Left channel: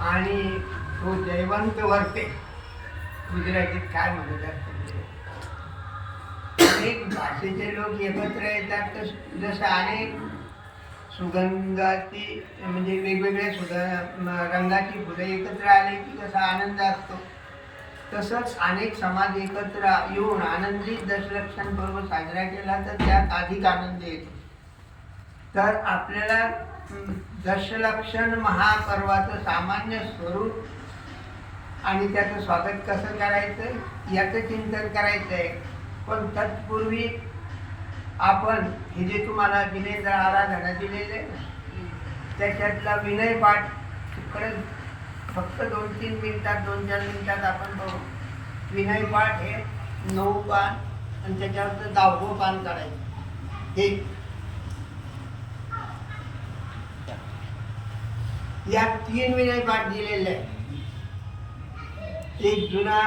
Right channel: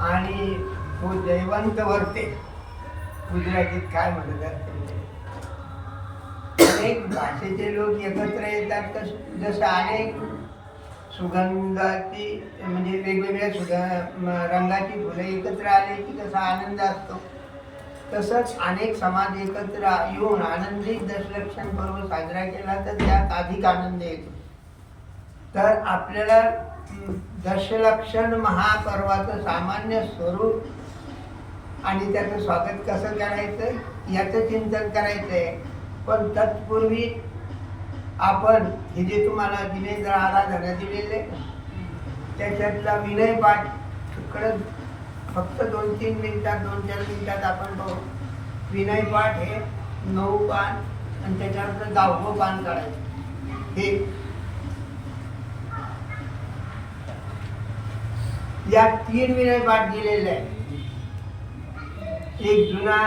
आणि तो जयवंत वर्ते. गुजरातीत काय म्हणतात अनेक भाषेचे लोक एकत्र येतात. तर जसं अनेक सुगंधाची म्हणजे वेगवेगळ्या रंगाची फुलं एकत्र आली की कसा आनंद असतो, तसंच अनेक समाज एकत्र येऊन आनंदित दशलक्षण पर्व साजरा केला तर त्यात अधिक आनंद येतो. तर आपल्याला दशलक्षण महापर्वाचं सामान्य स्वरूप आणि त्याचं स्वागत कसं करायचं याचं चिंतन करायचं आहे. पण तत्पूर्वी आपण हे जे तुम्हाला दिनेंद्र आराधना दिलेले त्याच्यातला विनय पाठ इकडं फक्त 2-3 मिनिटात 2-4 मिनिटात आपण पाहू. विनय पाठ हे 9 पान आणि त्याच्यावर 10वं पान काढायचं. हे या 3 विनय पाठ दिलेले आहे. एक जुना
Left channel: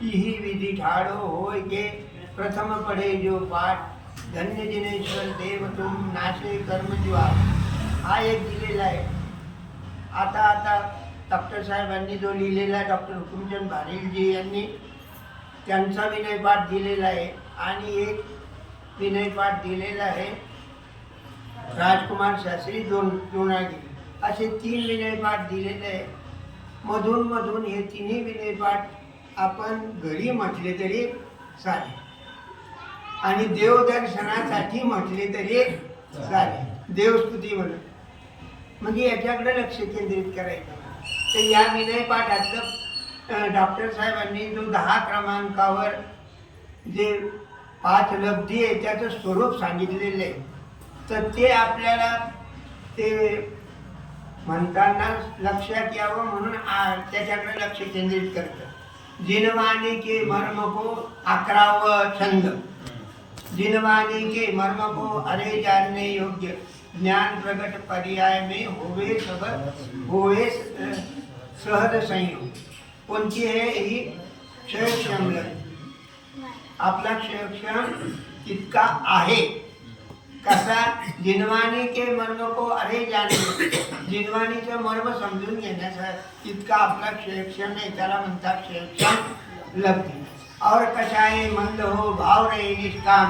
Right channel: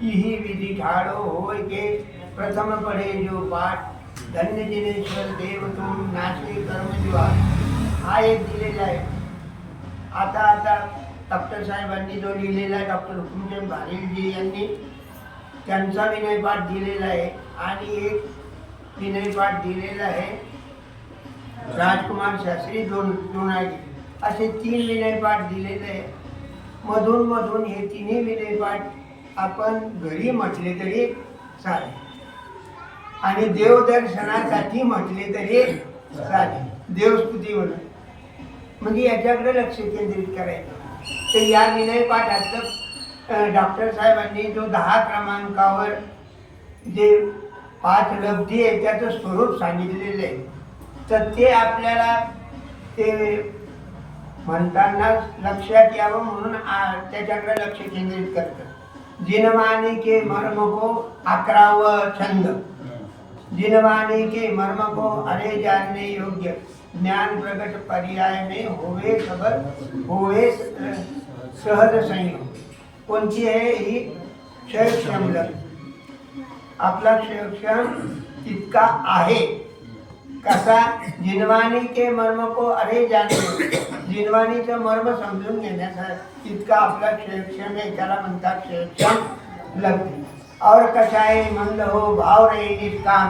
ही विधी ठाड़ो होय के प्रथम पढ़े जो पाठ धन्य जिनेश्वर देव तुम नाशे कर्म जुआ. हा एक दिलेला आहे. आता डॉक्टर साहेबांनी जो लिहिलेला आहे, डॉक्टर हुकुमचंद भारेलजी यांनी त्यांचा विनय पाठ दिलेला आहे. आणि एक विनय पाठ दिलेला आहे राजकुमार शास्त्री दोनागी. असे 3 विनय पाठ दिलेले आहे. मधून मधून हे 3ही विनय पाठ आपण घरी म्हटले तरी चालेल आणि देवदर्शनासाठी म्हटले तरी चालेल. देवस्तुती म्हणून म्हणजे याच्याकडे लक्ष केंद्रित करायचं. तर या विनय पाठातलं डॉक्टर साहेबांनी जो 10 क्रमांकावर जे 5 लब्धी आहे त्याचं स्वरूप सांगितलेलं आहे. तर ते आपल्याला ते म्हणताना लक्षात यावं म्हणून त्याच्याकडे लक्ष केंद्रित करतं. जिनवाणी के मर्म को 11वां छंद. जिनवाणी के मर्म को अरे जानने योग्य ज्ञान प्रगट पर्याय में होवे सबल होवे सहज संयोग. कोणती आहे ही? क्षयक्षम. आपला क्षयक्षम इतका आहे. कसा? जिनवाणी के मर्म को अरे जाणे. जिनवाणीचं मर्म समजून घेण्यासाठी इतका आपला क्षयक्षम आहे. त्याला म्हणतात क्षयक्षम लब्धी. और कशाय मंद हो भाव रे निष्काम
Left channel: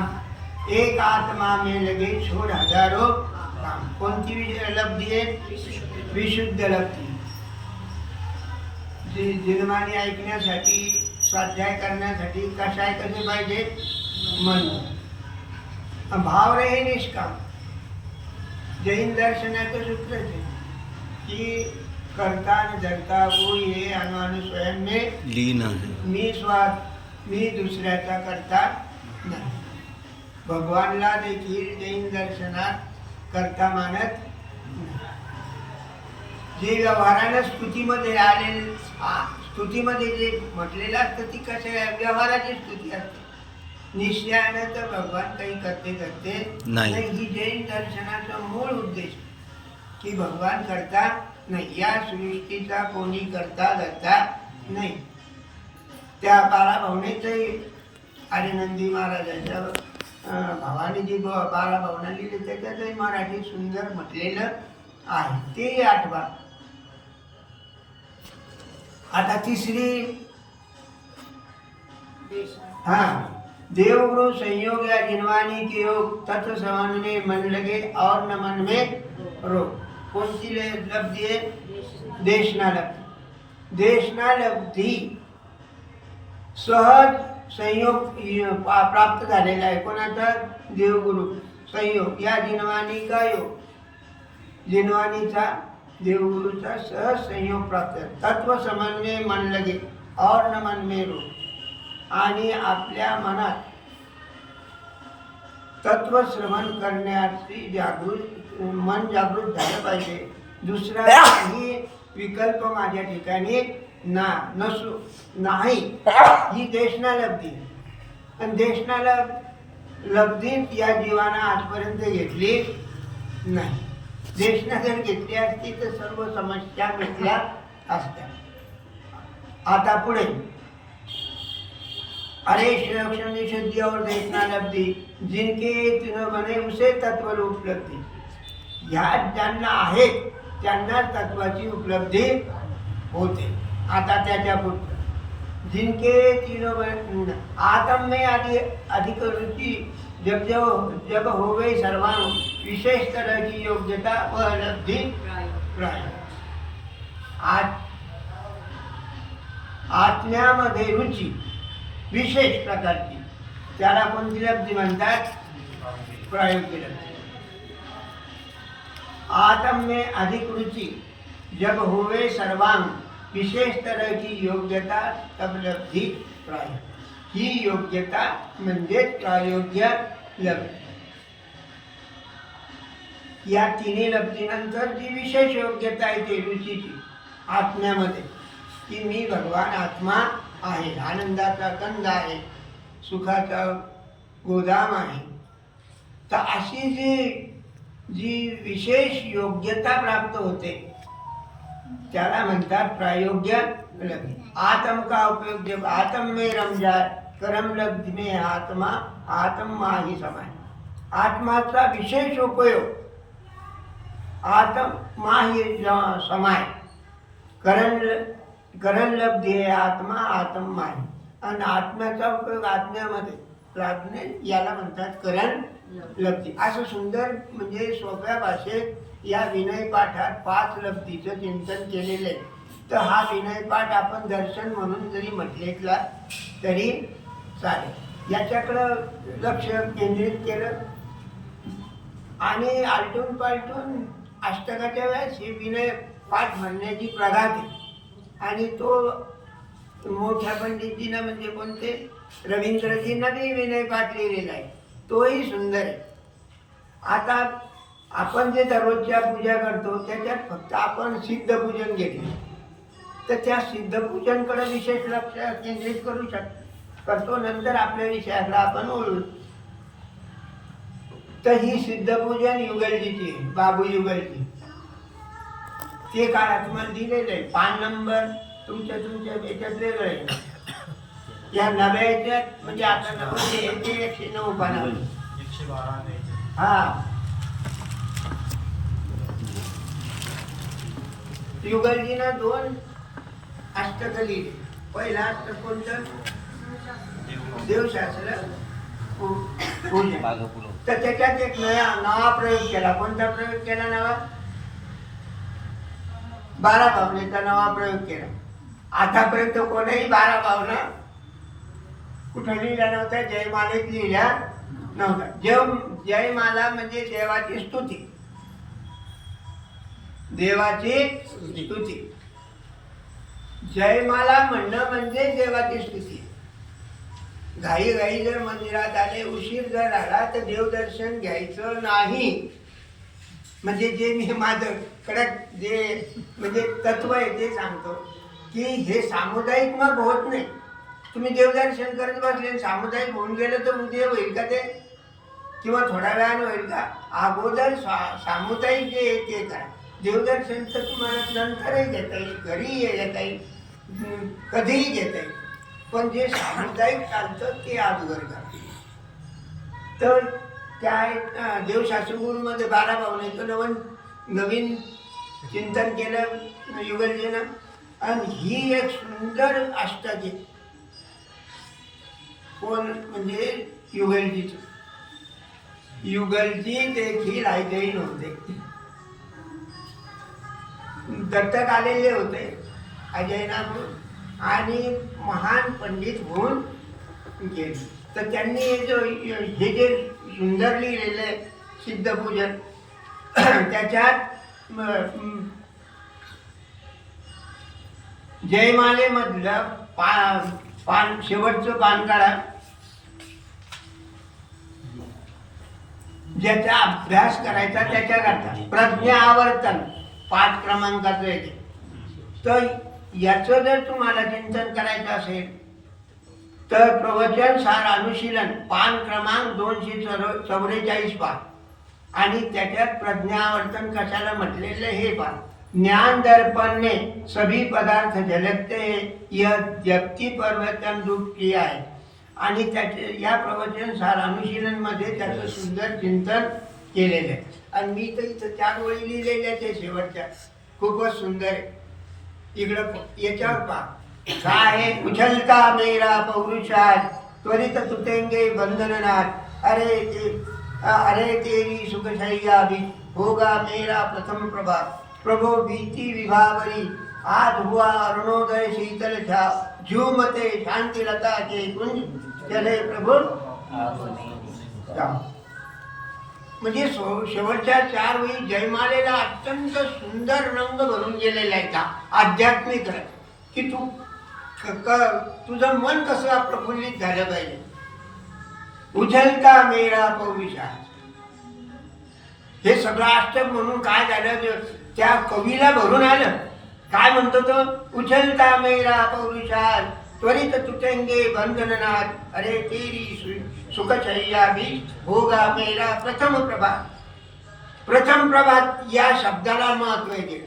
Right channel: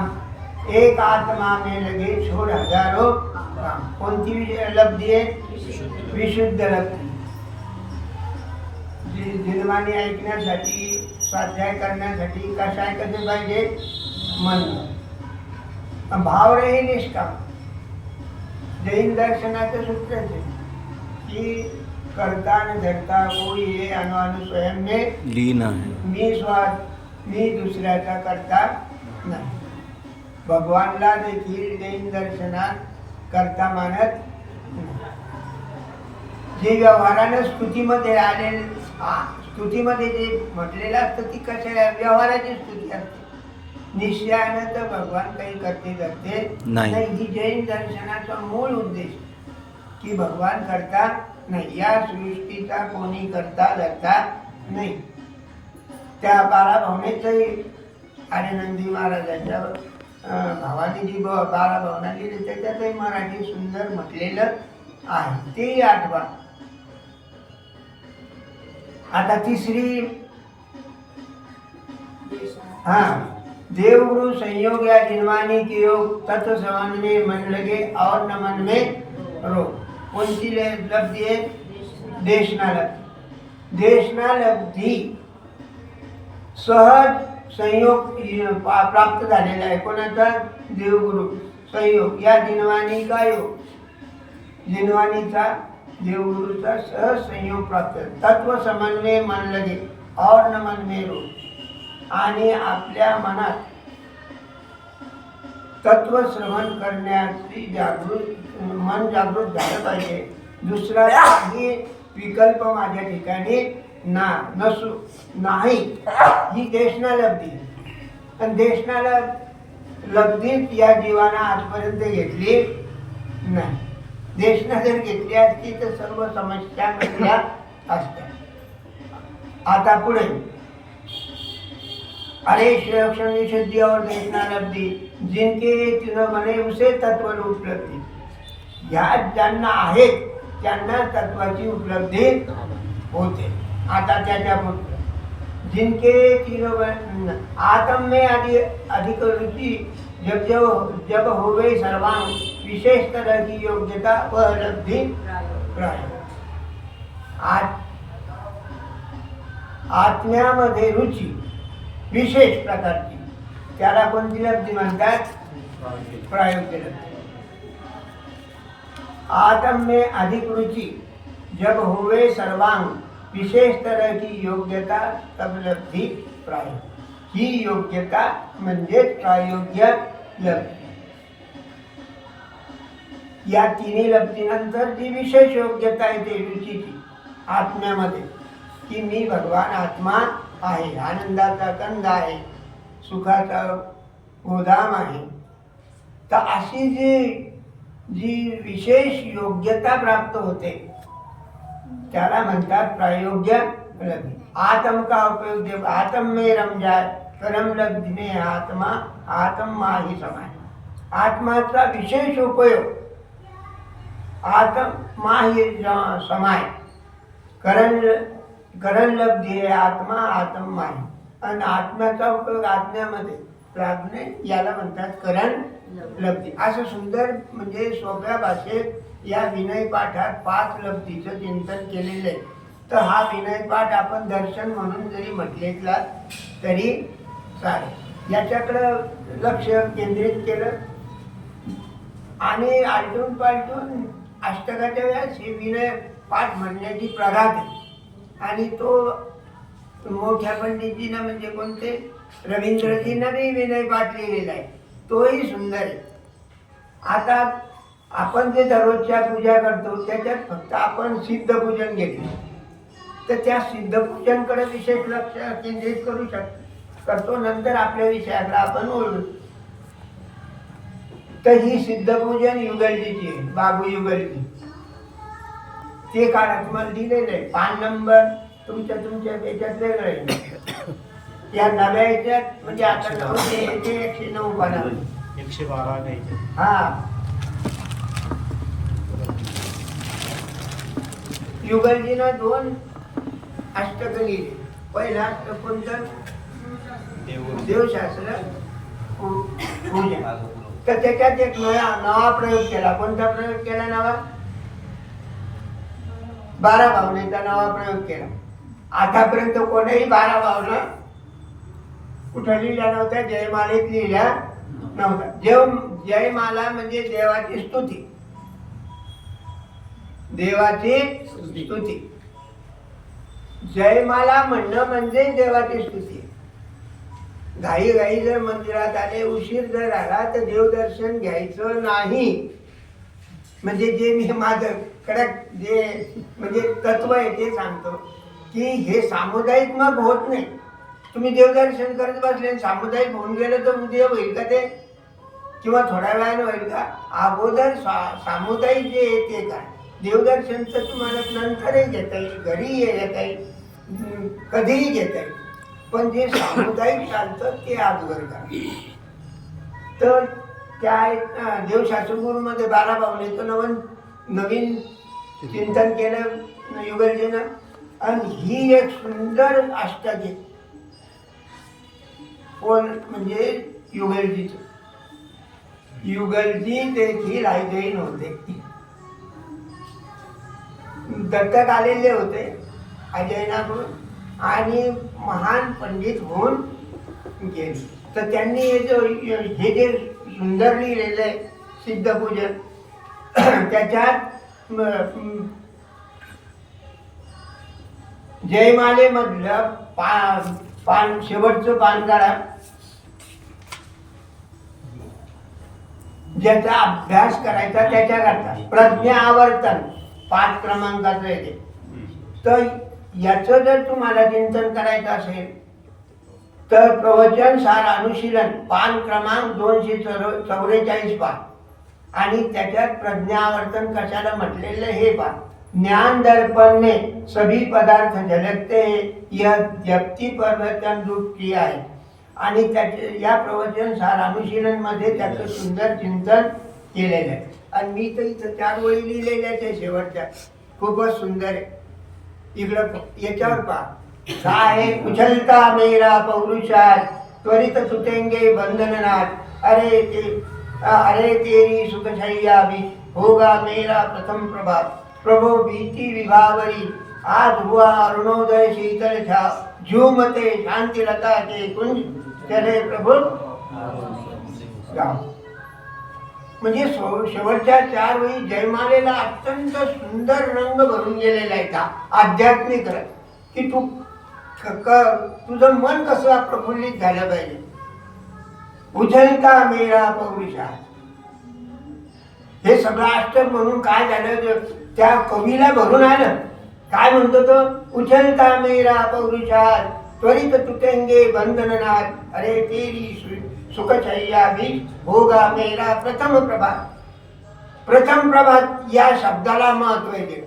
एक आत्मा में लगे छोड़ हजारों काम. कोणती लब्धी आहे? विशुद्ध लब्धी. जिनवाणी ऐकण्यासाठी स्वाध्याय करण्यासाठी कशाय कसे पाहिजे? मंद. भाव रे निष्काम. जैन दर्शनाचं सूत्र आहे की करता न धरता कोई हे अनु स्वयं में लीन आहे. मी दुसऱ्याचा करता नाही. भगवानला देखील जैन दर्शनात करता मानत नाही. जे व्यवहारानं स्तुतीमध्ये आलेले स्तुतीमध्ये जे म्हटलेलं असतं ती कशा व्यवहाराची स्तुती असते. निश्चयानं तर भगवान काही करते नाही. ही जैन दर्शनाचा मूळ उद्देश की भगवान करता नाही. या सृष्टीचा कोणी करता धरता नाही. त्या 12 भावनेचंही आर्यनंदी महाराजांच्या भावाने जी 12 भावना लिहिली त्याच्यातही मराठी सुंदर म्हटलेलं आहे. तेही आठवा. आता तिसरी देवगुरु संयोग या जिनवाणी के योग तत्व समन्वय मन लगे और न मन में रोग. कोणती लब्धी आहे? देशना लब्धी. देशना लब्धी सहज संयोग प्राप्त झालेला आहे. कोणाचा? देवगुरु संयोग या जिनवाणी का योग. जिनवाणीचा देवगुरुचा सहज संयोग प्राप्त. तत्व समन्वय मन लगे और न मन में रोग. आणि आपल्या मनात तत्व श्रवण करण्याची मन जागृत झालं पाहिजे. दुसरा काही विकल्प माझ्या ठिकाणी नाही. ही देशना लब्धी. पण देशना लब्धीत या जीवानं आजपर्यंत घेतली नाही. देशना जर घेतली असती तर सर्व समस्या मिटल्या असत्या. आता पुढे अरे क्षयक्षम विशुद्धि और देशना लब्धी जिनके तिन बने उसे तत्व उपलब्धी. ह्या ज्यांना आहेत त्यांना तत्वाची उपलब्धी होते. आता त्याच्या पुढचं जिनके तीनों आत्म में अधिक रुचि जब जब जब होवे सर्वांग विशेष तरह की योग्यता व लब्धि प्राय. आत्म्यामध्ये रुची विशेष प्रकारची त्याला कोणती लब्धी म्हणतात? प्रायोग्य लब्धी. आत्म में अधिक रुचि जब होवे सर्वांग विशेष तरह की योग्यता तब लब्धी प्राय. ही योग्यता म्हणजे प्रायोग्य लब्धी. या तिन्ही लब्धीनंतर जी विशेष योग्यता आहे ती रुचीची आत्म्यामध्ये, की मी भगवान आत्मा आहे, आनंदाचा कंद आहे, सुखाचा गोदाम आहे. तर अशी जी विशेष योग्यता प्राप्त होते त्याला म्हणतात प्रायोग्य लब्धी. आत्म का उपयोग जब आत्म में रम जाए परम लब्धि में आत्मा आत्मा ही समाय. आत्माचा विशेष उपयोग आत्मा ही समाय करण लब्धी आहे आत्मा आत्मा आहे. आणि आत्म्याचा उपयोग आत्म्यामध्ये प्राज्ञे याला म्हणतात करण लब्धी. असं सुंदर म्हणजे सोप्या भाषेत या विनय पाठात 5 लब्धीचं चिंतन केलेलं आहे. तर हा विनय पाठ आपण दर्शन म्हणून जरी म्हटलेला तरी चालेल. याच्याकडं लक्ष केंद्रित केलं आणि आलटून पालटून अष्टकाच्या वेळेस हे विनय पाठ म्हणण्याची प्रघात आहे. आणि तो मोठ्या पंडितजीनं म्हणजे कोणते रवींद्रजीनं बी विनय पाठ लिहिलेला आहे, तोही सुंदर आहे. आता आपण जे दररोजच्या पूजा करतो त्याच्यात फक्त आपण सिद्धपूजन घेतले तर त्या सिद्धपूजनकडे विशेष लक्ष केंद्रित करतो. नंतर आपल्या विषयाकडे आपण ओळखू. तर ही सिद्धपूजन युगलजीची आहे, बाबू युगलजी. ते काळात मला दिलेलं आहे. 5 नंबर तुमच्या याच्यात वेगळं आहे. या नव्या याच्यात म्हणजे आता 109 पानावर 112 नाही. हा युगलजीनं 2 अष्टक लिहिले. पहिला अष्टक कोणतं? देवशास्त्र पूजा. तर त्याच्यात एक नवा प्रयोग केला. कोणता प्रयोग केला? नवा 12 भावनेचा नवा प्रयोग केला. आतापर्यंत कोणाही 12 भावना कुठं लिहिल्या नव्हत्या, जयमालेत लिहिल्या नव्हत्या. जयमाला म्हणजे देवाची स्तुती, देवाची स्तुती. जयमाला म्हणणं म्हणजे देवाची स्तुती. घाई जर मंदिरात आले, उशीर जर आला तर देवदर्शन घ्यायचं नाही. म्हणजे जे मी माझं कडक जे म्हणजे तत्व आहे ते सांगतो की हे सामुदायिक मग होत नाही. तुम्ही देवदर्शन करत बसले सामुदायिक होऊन गेलं तर उद्या होईल का ते? किंवा थोड्या वेळानं होईल का? अगोदर सामुदायिक जे आहे ते करा. देवदर्शन तर तुम्हाला नंतरही घेता येईल, घरीही घेता येईल, कधीही घेता येईल. पण जे सामुदायिक चालतं ते अगोदर करा. तर त्या देवशास्त्रगुरूमध्ये 12 भावनेचं नवीन चिंतन केलं युगलजीनं. आणि ही एक सुंदर अष्टक आहे. कोण म्हणजे युगलजीचं. युगलजी देखील ऐकही नव्हते, दत्तक आलेले होते अजयनाकडून आणि महान पंडित होऊन गेले. तर त्यांनी हे जे सुंदर लिहिलेलं आहे सिद्धपूजन, त्याच्यात जयमालेमधलं शेवटचं पान काढा. ज्याचा अभ्यास करायचा त्याच्याकरता प्रज्ञा आवर्तन 5 क्रमांकाचं येते. तर याचं जर तुम्हाला चिंतन करायचं असेल तर प्रवचन सार अनुशीलन पान क्रमांक 244 पान. आणि त्याच्यात प्रज्ञावर्तन कशाला म्हटलेलं हे पान. ज्ञान दर्पण में सभी पदार्थ झलकते यह जप्ती प्रवचन रूप किया है. आणि त्याचे या प्रवचन सार अनुशीलन मध्ये त्याचं सुंदर चिंतन केलेलं आहे. आणि मी तर इथं 4 वळी लिहिलेल्या त्या शेवटच्या खूपच सुंदर आहे. इकडं याच्यावर पहा काय आहे, उछलता मेरा पौरुषात त्वरित तुटेंगे बंधननाथ, अरे तेरी सुखशैया भी होगा मेरा प्रथम प्रभात, प्रभो भीति विभावरी आज हुआ अरुणोदय शीतल छाव, झूमते शांति लता के कुंज चले प्रभु गाव. म्हणजे शेवटच्या 4 वेळी जयमालेला अत्यंत सुंदर रंग भरून गेलेला आहे का आध्यात्मिक रंग, की तुझं मन कसं प्रफुल्लित झालं पाहिजे. उछलता मेरा पौरुषा, हे सगळं अष्टक म्हणून काय झालं, त्या कवीला भरून आलं. काय म्हणतो तो, उछलता मेरा पौरुषा त्वरित तुटेंगे बंधननाथ, अरे तेरी सुखशैया भी होगा मेरा प्रथम प्रभात. प्रथम प्रभात या शब्दाला महत्व आहे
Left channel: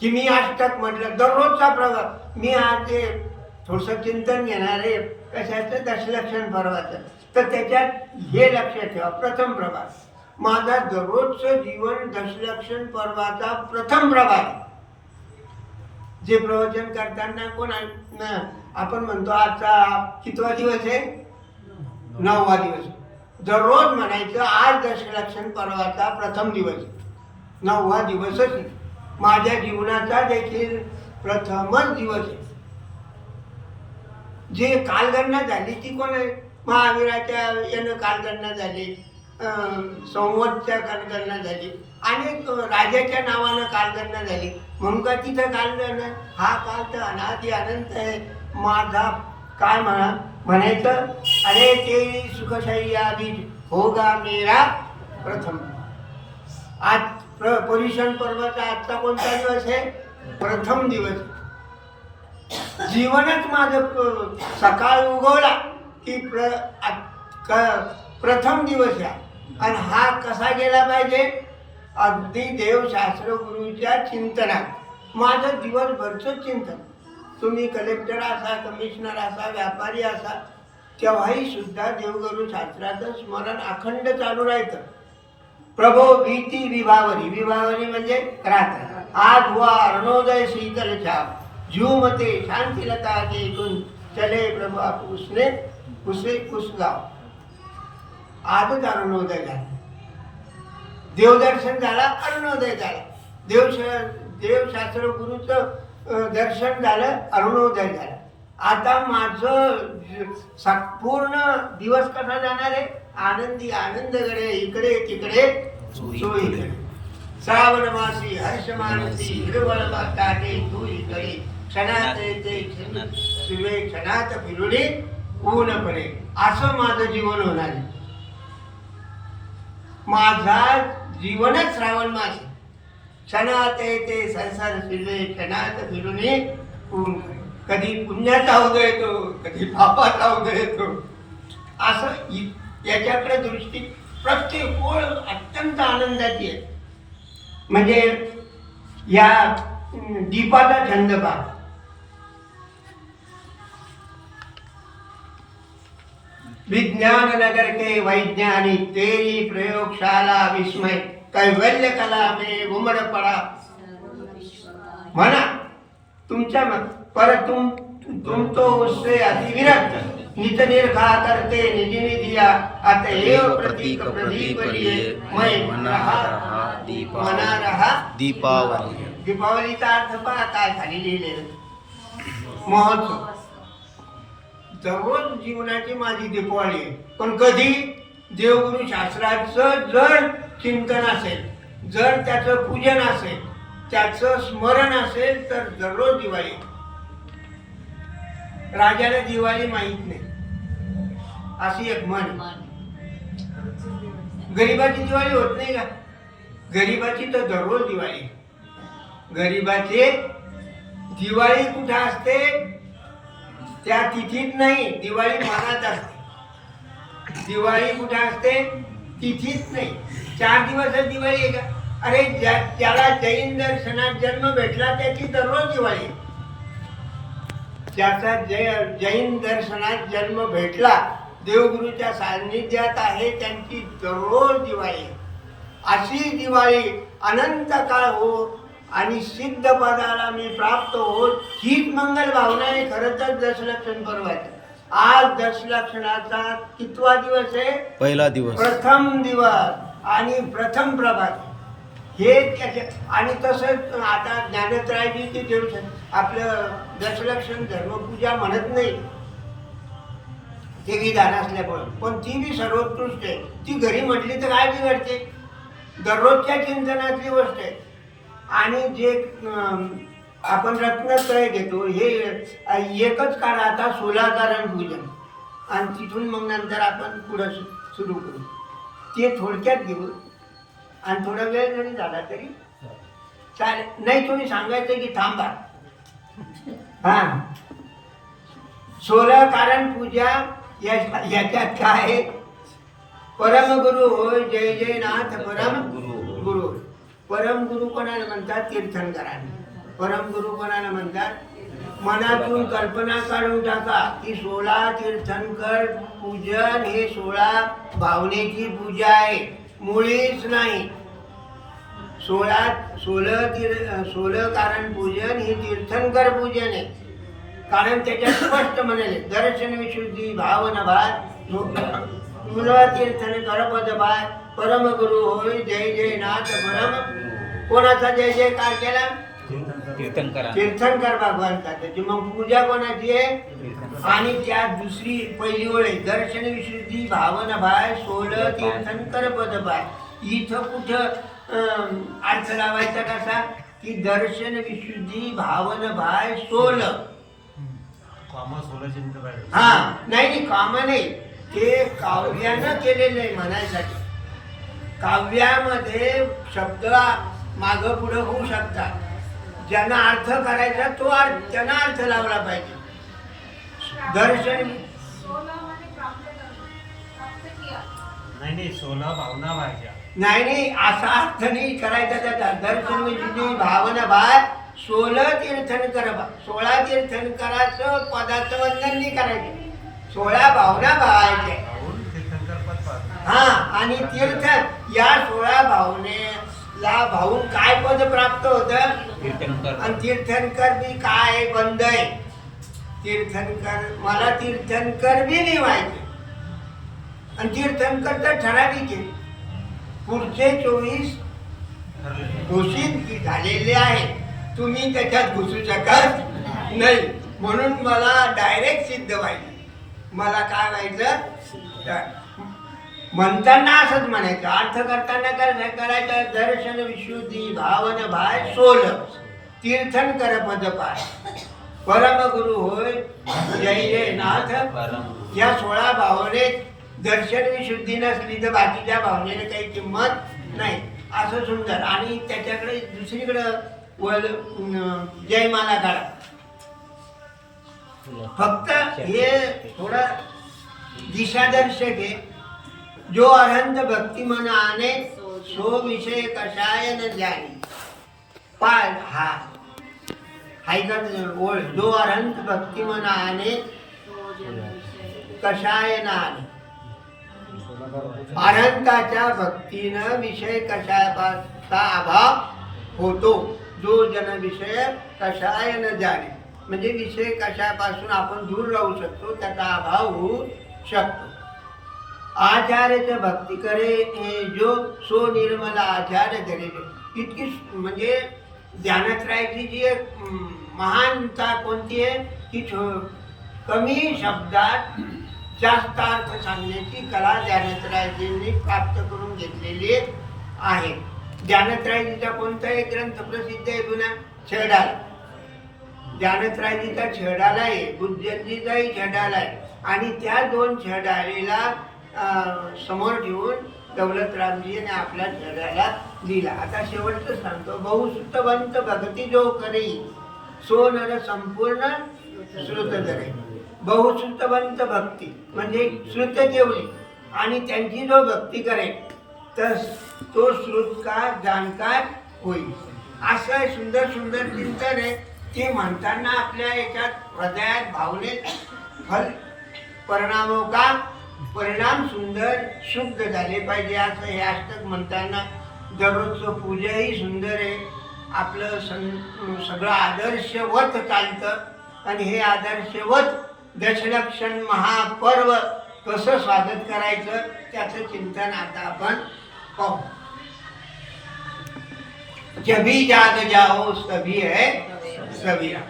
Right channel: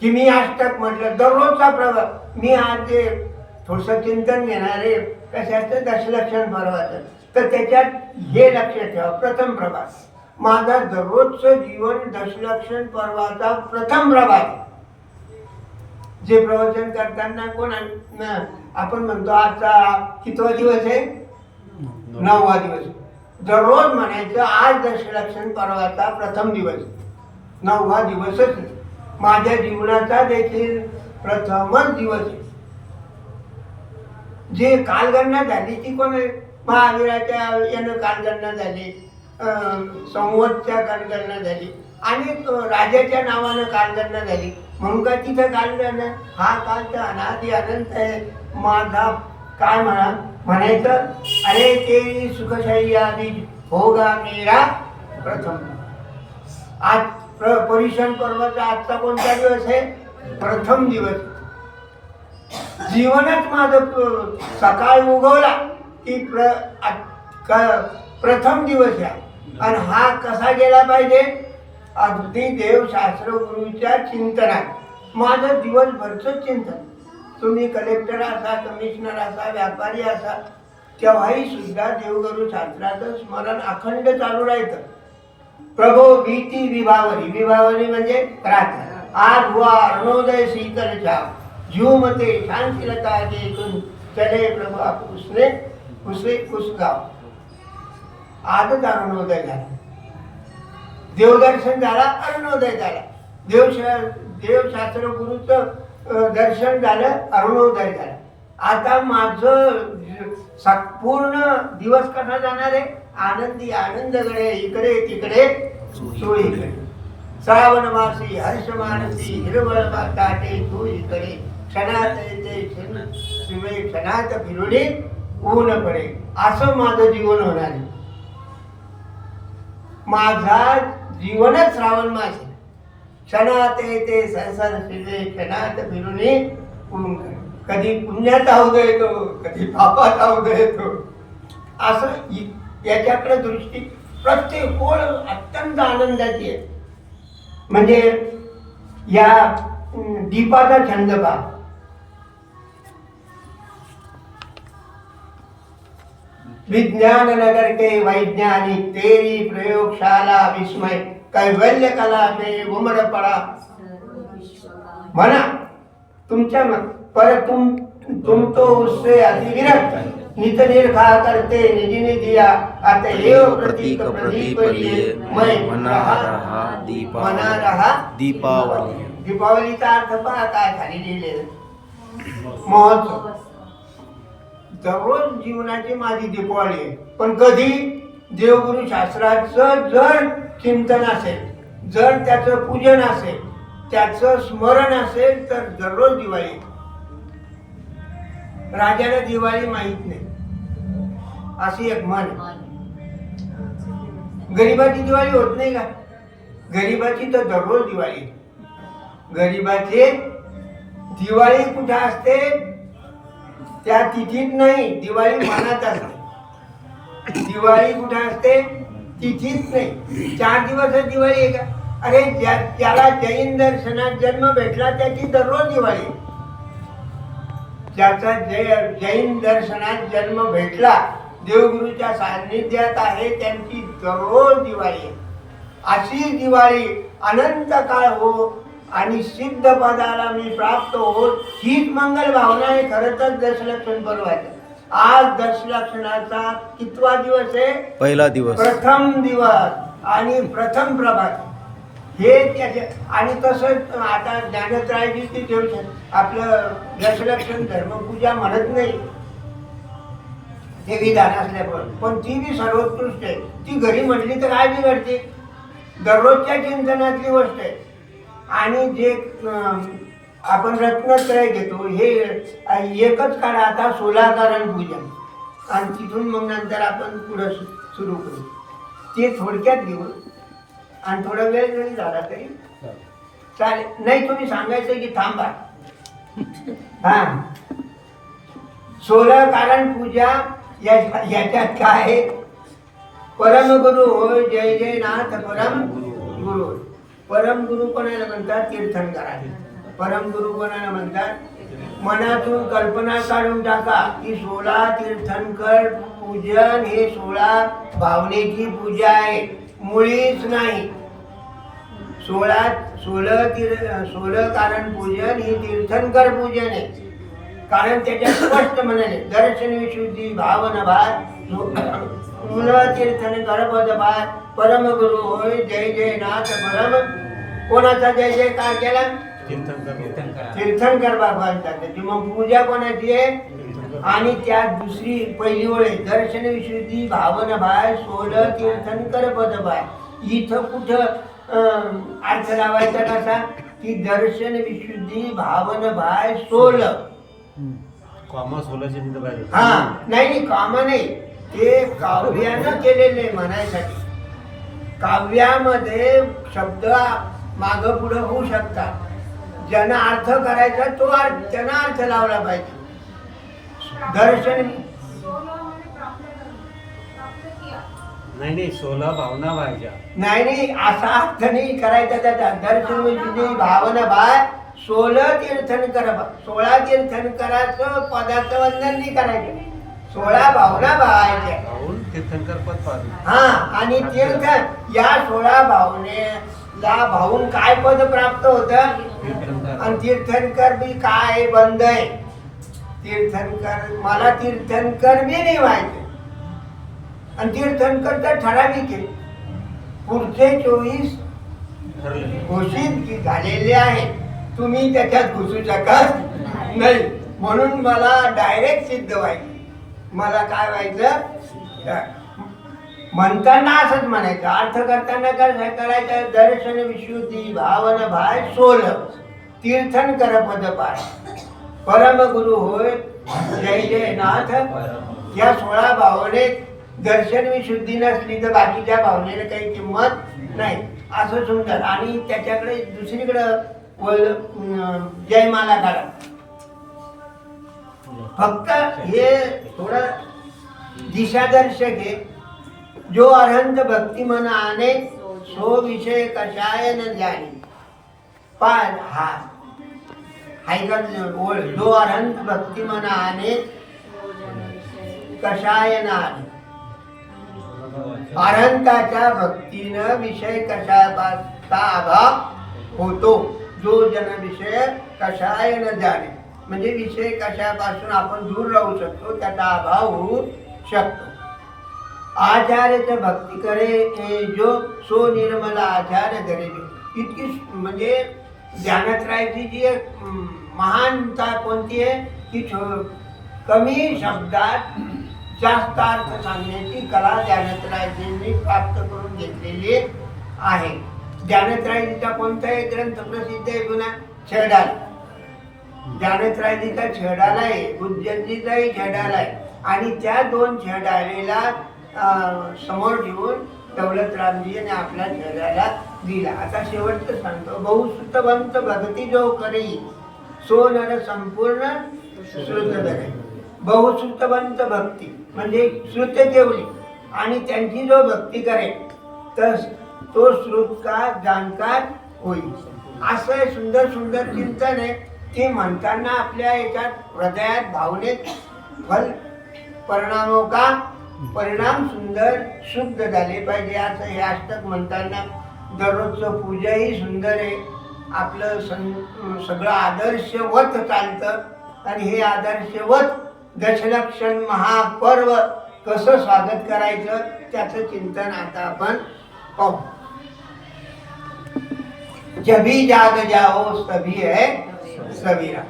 की मी अष्टक म्हटलं दररोजचा प्रभात. मी आज ते थोडंसं चिंतन घेणार आहे कशाचं, दशलक्षण पर्वाचं, तर त्याच्यात हे लक्ष ठेवा, प्रथम प्रभात. माझा दररोजचं जीवन दशलक्षण पर्वाचा प्रथम प्रभात. जे प्रवचन करताना आपण म्हणतो आजचा कितवा दिवस आहे, 9वा दिवस. दररोज म्हणायचं आज दशलक्षण पर्वाचा प्रथम दिवस, 9वा दिवसच माझ्या जीवनाचा देखील प्रथमच दिवस आहे. जे कालगणना झाली ती कोण आहे, महावीराच्या यानं कालगणना झाली, संवतच्या कालगणना झाली आणि राजाच्या नावानं कालगणना झाली. म्हणून का तिथं कालगणना, हा काल तर अनादि अनंत आहे. माझा काय म्हणायचं, अरे तेरी सुखशैया भी होगा मेरा प्रथम. आज परिशन पर्वाचा आजचा कोणता दिवस आहे, प्रथम दिवस. जीवनच माझं सकाळ उगवला की प्रथम दिवस आहे. आणि हा कसा गेला पाहिजे, अगदी देवशास्त्र गुरुच्या चिंतनात माझं दिवसभरचं चिंतन. तुम्ही कलेक्टर असा, कमिशनर असा, व्यापारी असा, तेव्हाही सुद्धा देवगुरु शास्त्राचं स्मरण अखंड चालू राहायचं. प्रभो भीति विभावरी, विभावरी म्हणजे रात्र. आज हुआ अरुणोदय शीतल छाव, झूमते शांति लता के कुंज चले प्रभु आप उसने उस गाव. आजच अरुणोदय झाला, देवदर्शन झाला, अरुणोदय झाला. देवशास्त्र गुरुचं दर्शन झालं, अरुणोदय झाला. आता माझं पूर्ण दिवस कसा जाणार आहे, आनंदी आनंदगडे, इकडे तिकडे सोयीकडे. श्रावण मासी हर्ष मानसी हिरवळ ताटे तू इकडे, क्षणात येते शिवे क्षणात फिरुडे ऊन पडे. असं माझं जीवन होणार आहे. माझा जीवनच श्रावण मास, क्षणात येते सरसर शिवे क्षणात फिरुडे ऊन. कधी पुण्याचा उदय येतो, कधी पापाचा उदय येतो. असं याच्याकडे दृष्टी प्रत्येक ओळ अत्यंत आनंदाची आहे. म्हणजे या दीपाचा छंद पहा. विज्ञान नगर के वैज्ञानिक तेरी प्रयोगशाला विस्मय, कैवल्य कला में उमड़ पड़ा. म्हणा तुमच्या पर तुम तो उससे अतिविरक्त, नित निर्खा करते निज ने दिया, अतएव प्रतीक प्रदीप लिए मैं मना रहा दीपावली. दीपावलीचा अर्थ पहा काय खाली लिहिलेलं, महोत्सव. दररोज जीवनाची माझी दीपावली आहे. पण कधी देवगुरु शास्त्राचं जर चिंतन असेल, जर त्याचं पूजन असेल, त्याचं स्मरण असेल, तर दररोज दिवाळी. राजाला दिवाळी माहित नाही अशी एक म्हण. गरीबाची दिवाळी होत नाही का, गरीबाची तर दररोज दिवाळी. गरीबाची दिवाळी कुठे असते, त्या तिथीत नाही, दिवाळी मनात असते. दिवाळी कुठे असते, तिथीत नाही. 4 दिवस दिवाळी आहे का. अरे ज्याला जैन दर्शनात जन्म भेटला त्याची दररोज दिवाळी. ज्याचा जैन दर्शनात जन्म भेटला, देवगुरूच्या सान्निध्यात आहे, त्यांची दररोज दिवाळी आहे. अशी दिवाळी अनंत काळ हो, आणि सिद्ध पदाला मी प्राप्त होत, हीच मंगल भावना आहे खरं तर दशलक्षण पर्वाचं. आज दशलक्षणाचा कितवा दिवस आहे? पहिला दिवस, प्रथम दिवस आणि प्रथम प्रभात हे त्याचे. आणि तसंच आता ज्ञानत्रयाची ती देऊ आपलं दशलक्षण धर्मपूजा म्हणत नाही ते विधान असल्यामुळे, पण ती बी सर्वोत्कृष्ट आहे. ती घरी म्हटली तर काय बिघडते? दररोजच्या चिंतनातली गोष्ट आहे. आणि जे आपण रत्नत्रय घेतो हे एकच काढा आता सोलाकरण पूजन, आणि तिथून मग नंतर आपण पुढं सुरू करू. ते थोडक्यात घेऊ आणि थोडा वेळ जरी झाला तरी चालेल. नाही तुम्ही सांगायचं की थांबा. हा, सोलकारण पूजा याच्यात काय आहे? परमगुरु होय जय जय नाथ परम गुरु होय. परमगुरु कोणाला म्हणतात? तीर्थंकरांना. परमगुरु कोणाला म्हणतात? मनातून कल्पना काढून टाका की 16 तीर्थंकर पूजन हे 16 भावनेची पूजा आहे, मुळीच नाही. 16 कारण पूजन ही तीर्थंकर पूजन आहे. कारण त्याच्यात स्पष्ट म्हणाले दर्शन विशुद्धी भावन भात तीर्थंकर पद भात परमगुरु होय जय जय नाथ परम. कोणाचा जय जयकार केला? तीर्थंकर भगवानचा. त्याची मग पूजा कोणाची आहे? आणि त्यात दुसरी पहिली ओळ आहे दर्शन विशुद्धी भावन भाय 16 तीर्थंकर पद भाय. इथं कुठं अर्थ लावायचा कसा की दर्शन विशुद्धी भावन भाय 16. हा, नाही कामा नाही, ते काव्यानं केलेले म्हणायसाठी. काव्यामध्ये शब्द मागं पुढं होऊ शकतात. ज्यांना अर्थ करायचा तो त्यांना अर्थ लावला पाहिजे. दर्शन नाही 16 भावना व्हायच्या. नाही असा अर्थ नाही करायचा त्याचा. दर्शन म्हणजे भावना भाय 16 तीर्थंकर. 16 तीर्थंकराचं पदाचं वंदन नाही करायचं, 16 भावना भावायच्या. हा, आणि तीर्थ या 16 भावनेला भावून काय पद प्राप्त होतं? आणि तीर्थंकर बी काय बंद आहे. तीर्थंकर मला तीर्थंकर बी नाही व्हायचे. आणि तीर्थंकर तर ठराविक आहे. पुढचे 24 घोषित झालेले आहेत. तुम्ही त्याच्यात घुसू शकत नाही. म्हणून मला डायरेक्ट सिद्ध व्हायचं. मला काय व्हायचं? म्हणताना असंच म्हणायचं, अर्थ करताना काय करायचं? दर्शन विशुद्धी भावन भाय 16 तीर्थंकर पद पाय परमगुरु होय जय जय नाथ. या 16 भावनेत दर्शन विशुद्धी नसली तर बाकीच्या भावनेला काही किंमत नाही. असं सुंदर. आणि त्याच्याकडे दुसरीकडं जयमाला काढा. फक्त हे थोडं दिशादर्शक आहे. जो अनंत भक्ती मन आने सो विषय कशाय न जाणे. पाय हा हायका ओळ. जो अनंत भक्ती मन आने कशाय न आने. अनंताच्या भक्तीनं विषय कशाचा अभाव होतो. जो जन विषय कशाय न जाणे म्हणजे विषय कशापासून आपण दूर राहू शकतो, त्याचा अभाव होऊ शकतो. आचार्यच भक्ती करे जो सो निर्मला आचार्य धरे जो. इतकी म्हणजे ज्ञानत्रयाची जी एक महानता कोणती आहे की कमी शब्दात जास्त अर्थ सांगण्याची कला ज्ञानत्रयाजींनी प्राप्त करून घेतलेली आहे. ज्ञानत्रयाजीचा कोणताही ग्रंथ प्रसिद्ध आहे पुन्हा? छेडाला. ज्ञानत्रयाजीचा छेडाला आहे, बुद्धजीचाही छेडाला आहे. आणि त्या 2 छेडालेला समोर ठेवून दौलतरामजीने आपल्या छेडाला दिला. आता शेवटचं सांगतो. बहुसुतवंत भक्ती जो करी सो नर संपूर्ण श्रुत धरे. बहुसुतवंत भक्ती म्हणजे श्रुत जेवली आणि त्यांची जो भक्ती करेल तर तो श्रुतकार जाणकार होईल. असं सुंदर सुंदर चिंतन आहे. ते म्हणताना आपल्या याच्यात हृदयात भावनेत फल परिणामो का परिणाम सुंदर शुद्ध झाले पाहिजे. असं हे अष्टक म्हणताना दररोजचं पूजाही सुंदर आहे आपलं सगळं आदर्शवत चालतं आणि हे आदर्शवत दशलक्षण महापर्व कसं स्वागत करायचं त्याचं चिंतन आता आपण पाहू. जभी जाग जाओ तभी है सवेरा,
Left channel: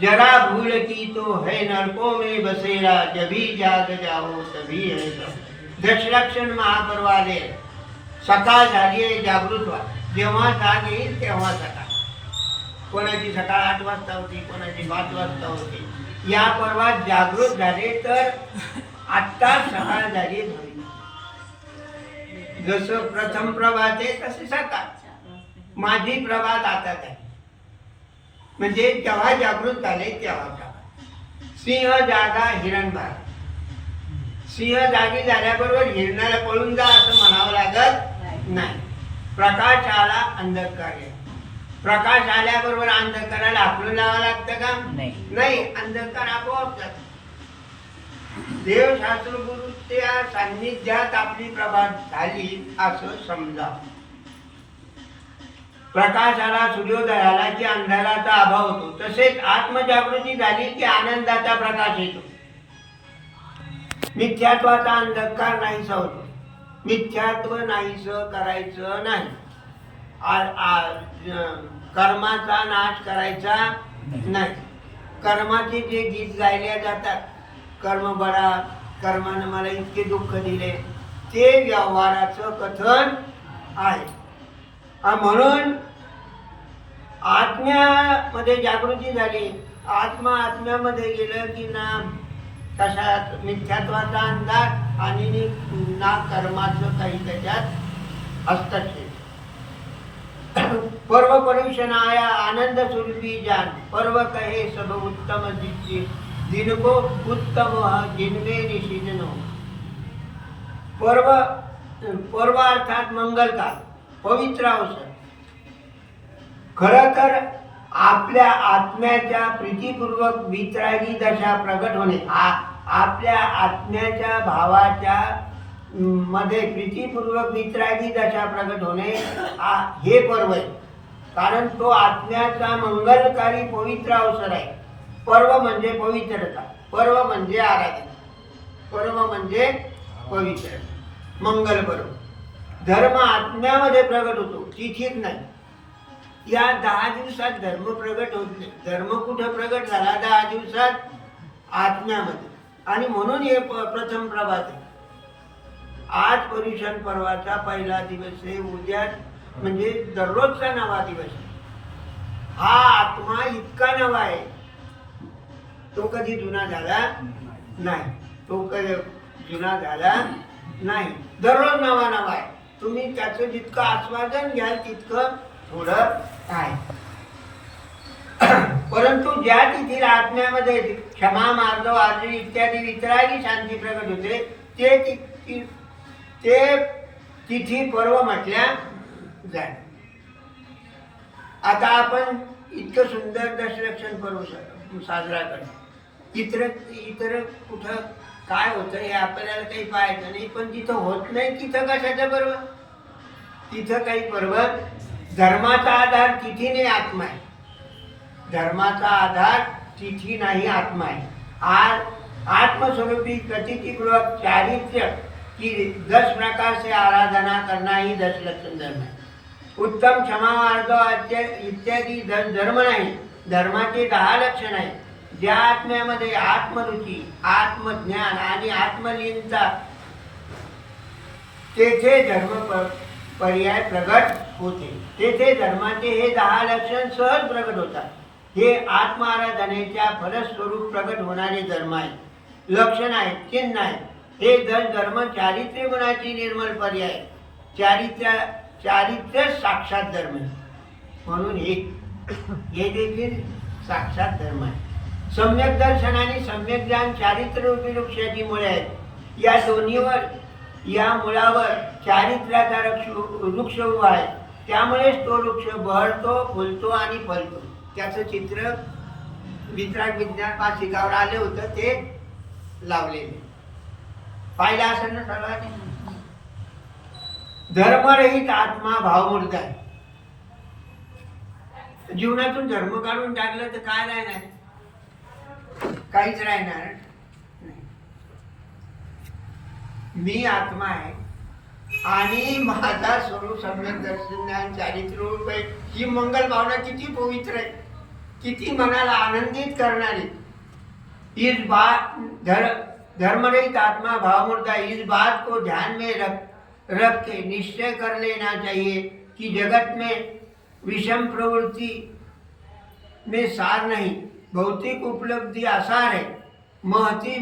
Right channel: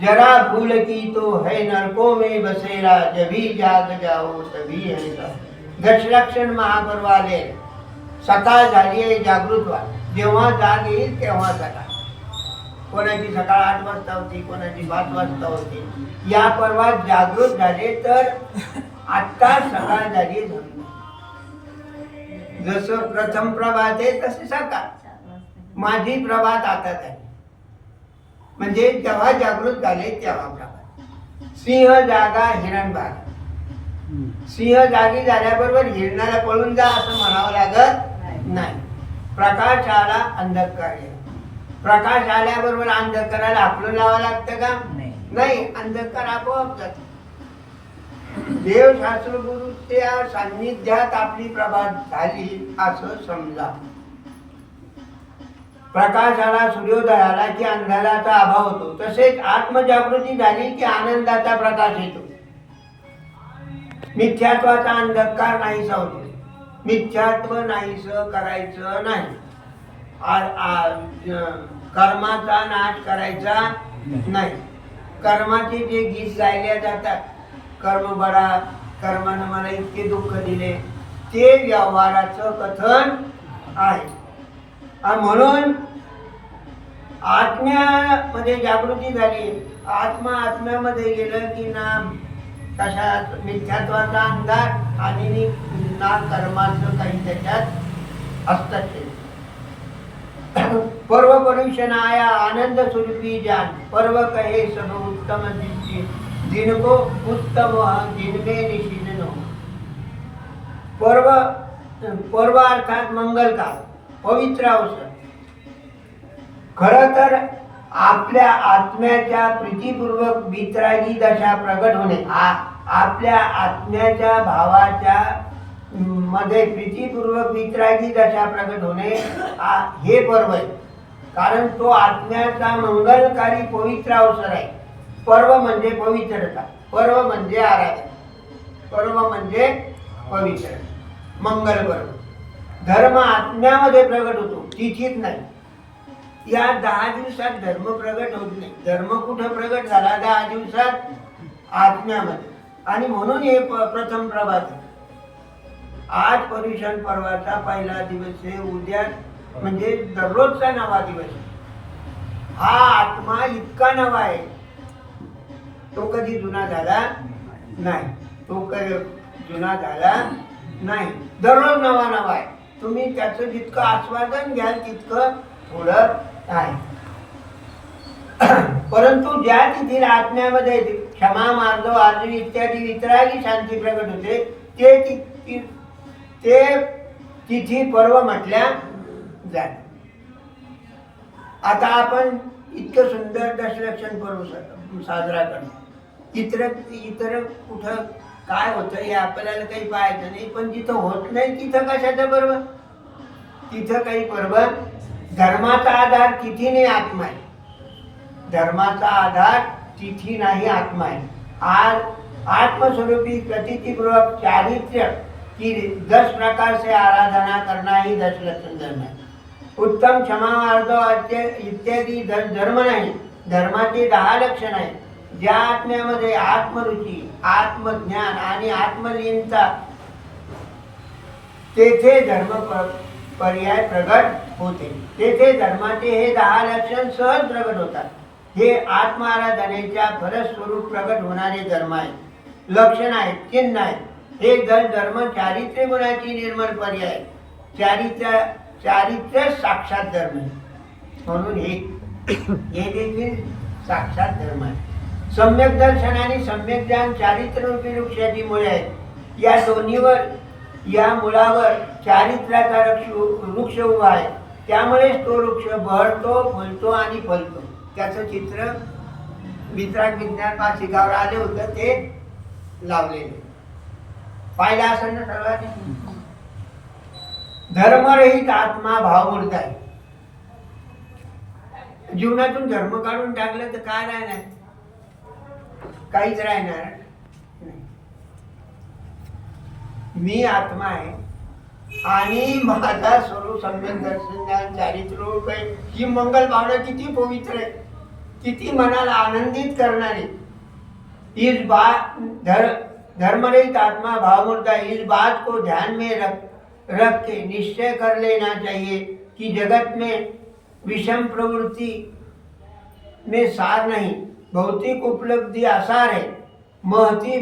जरा भूल की तो है नरकों में बसेरा, जभी जाग जाओ तभी है सवेरा. दशलक्षण महापर्व आले, सकाळ झाली आहे, जागृत व्हा. जेव्हा जाग येईल तेव्हा सकाळ. कोणाची सकाळ 8 वाजता होती, कोणाची 5 वाजता होती. या पर्वात जागृत झाले तर आत्ता सकाळ झाली म्हणून. जसं प्रथम प्रभात आहे तसे सकाळ. माझी प्रभात आता आहे, म्हणजे जेव्हा जागृत झाले तेव्हा प्रभात. सिंह जागा हिरण बाग. सिंह जागी झाल्याबरोबर हिरणाला पळून जा असं म्हणावं लागत नाही. प्रकाश आला अंधकार गेला. प्रकाश आल्याबरोबर अंधकाराला आपलं लावावं लागतं का? नाही, अंधकार आपोआप जातो. देव शास्त्र गुरुच्या सान्निध्यात आपली प्रभात झाली असं समजा. प्रकाश आला, सूर्योदय आला की अंधाराचा अभाव होतो. तसेच आत्मजागृती झाली की आनंदाचा प्रकाश येतो. मिथ्यात्वाचा अंधकार नाहीसा होतो. मिथ्यात्व नाहीसं करायचं नाही. कर्माचा नाश करायचा नाही. कर्माचे जे गीत गायले जातात, कर्म बरा, कर्मानं मला इतके दुःख दिले, ते व्यवहाराचं कथन आहे. म्हणून आत्म्यामध्ये जागृती झाली. आत्म्यामध्ये गेलं की ना कशात मिथ्यात्वाचा अंधार आणि ना कर्माचं काही त्याच्यात हस्तक्षेप. पर्व परुषण आया आनंद स्वरूपी जान, पर्व कहे सब उत्तम दृष्टि, जिनको उत्तम जिनमे निषिधन हो. पर्व अर्थात मंगलकाल, पवित्र अवसर. खरं तर आपल्या आत्म्याच्या प्रीतीपूर्वक वितरागी दशा प्रगट होणे, आपल्या आत्म्याच्या भावाच्या मध्ये प्रीतीपूर्वक वितरागी दशा प्रगट होणे हे पर्व आहे. कारण तो आत्म्याचा मंगलकारी पवित्र अवसर आहे. पर्व म्हणजे पवित्रता, पर्व म्हणजे आराधना, पर्व म्हणजे पवित्र मंगल पर्व. धर्म आत्म्यामध्ये प्रगट होतो, तिथीत नाही. या 10 दिवसात धर्म प्रगट होत नाही. धर्म कुठं प्रगट झाला? 10 दिवसात आत्म्यामध्ये. आणि म्हणून हे प्रथम प्रभात आहे. आज पर्युषण पर्वाचा पहिला दिवस आहे. उद्या म्हणजे दररोजचा नवा दिवस आहे. हा आत्मा इतका नवा आहे, तो कधी जुना झाला नाही. तो जुना झाला नाही. दररोज नवा नवा आहे. तुम्ही त्याचं जितकं आस्वादन घ्याल तितकं थोडं आहे. परंतु ज्या तिथी आत्म्यामध्ये क्षमा, मार्ग, आर्जन इत्यादी वितरागी शांती प्रगट होते ते तिथी पर्व म्हटल्या जाते. आता आपण इतकं सुंदर दशलक्षण पर्व साजरा करतो. इतर कुठं काय होतं हे आपल्याला काही पाहायचं नाही. पण जिथं होत नाही तिथं कशाचं पर्व? तिथं काही पर्व. धर्माचा आधार तिथी नाही, आत्मा आहे. धर्माचा आधार तिथी नाही, आत्मा आहे. आज आत्मस्वरूपी प्रतीतिपूर्वक चारित्र्य की 10 प्रकार से आराधना करना ही दशलक्षण धर्म है. उत्तम, क्षमा, मार्ग इत्यादी धर्म नाही. धर्माचे 10 लक्षण आहे. ज्या आत्म्यामध्ये आत्मरुची, आत्मज्ञान आणि आत्मलीनता, तेथे धर्म पर्याय प्रगट होते. तेथे धर्माचे हे 10 लक्षण सहज प्रगट होतात. हे आत्माराधनेच्या फलस्वरूप प्रगट होणारे धर्म आहेत, लक्षण आहेत, चिन्ह आहेत. हे धर्म चारित्र्य गुणाची निर्मल पर्याय. चारित्र्य साक्षात धर्म आहे. म्हणून हे देखील साक्षात धर्म आहे. सम्यक दर्शन आणि सम्यक ज्ञान चारित्र्य रूपी वृक्षाची मुळे आहेत. या दोन्हीवर, या मुळावर चारित्र्याचा वृक्ष उभा आहे. त्यामुळेच तो वृक्ष बहरतो, फुलतो आणि फलतो. त्याचं चित्र वितराग विज्ञान पाशिकावर आले होतं, ते लावलेले पाहिलं असेल ना सर्वांनी. धर्मरहित आत्मा भावमूर्त आहे. जीवनातून धर्म काढून टाकलं तर काय राहणार? काहीच राहणार नाही. मी आत्मा आहे आणि माझा स्वरूप सम्यक दर्शन ज्ञान चारित्र्य रूप आहे. ही मंगल भावना किती पवित्र आहे, किती मनाला आनंदित करणारी. इस बात धर्मरहित आत्मा भावमूर्ता, इस बात को ध्यान में रख के निश्चय कर लेना चाहिए कि जगत में विषम प्रवृत्ति में सार नहीं, भौतिक उपलब्धि आसार है. महती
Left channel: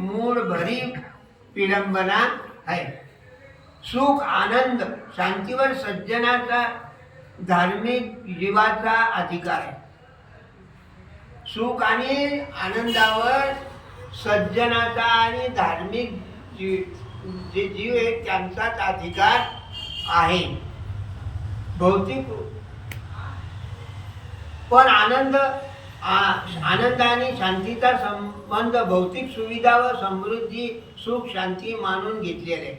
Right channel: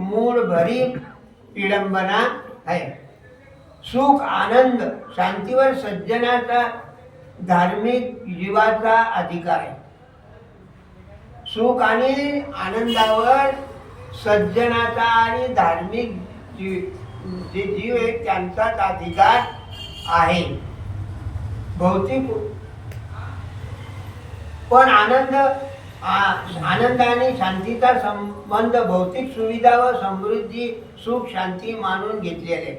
मूड भरी विडंबना है. सुख आनंद शांतीवर सज्जनाचा धार्मिक जीवाचा अधिकार आहे. सुख आणि आनंदावर सज्जनाचा आणि धार्मिक जे जीव आहेत त्यांचाच अधिकार आहे. भौतिक पण आनंद आणि शांतीचा संबंध भौतिक सुविधा व समृद्धी सुख शांती मानून घेतलेले.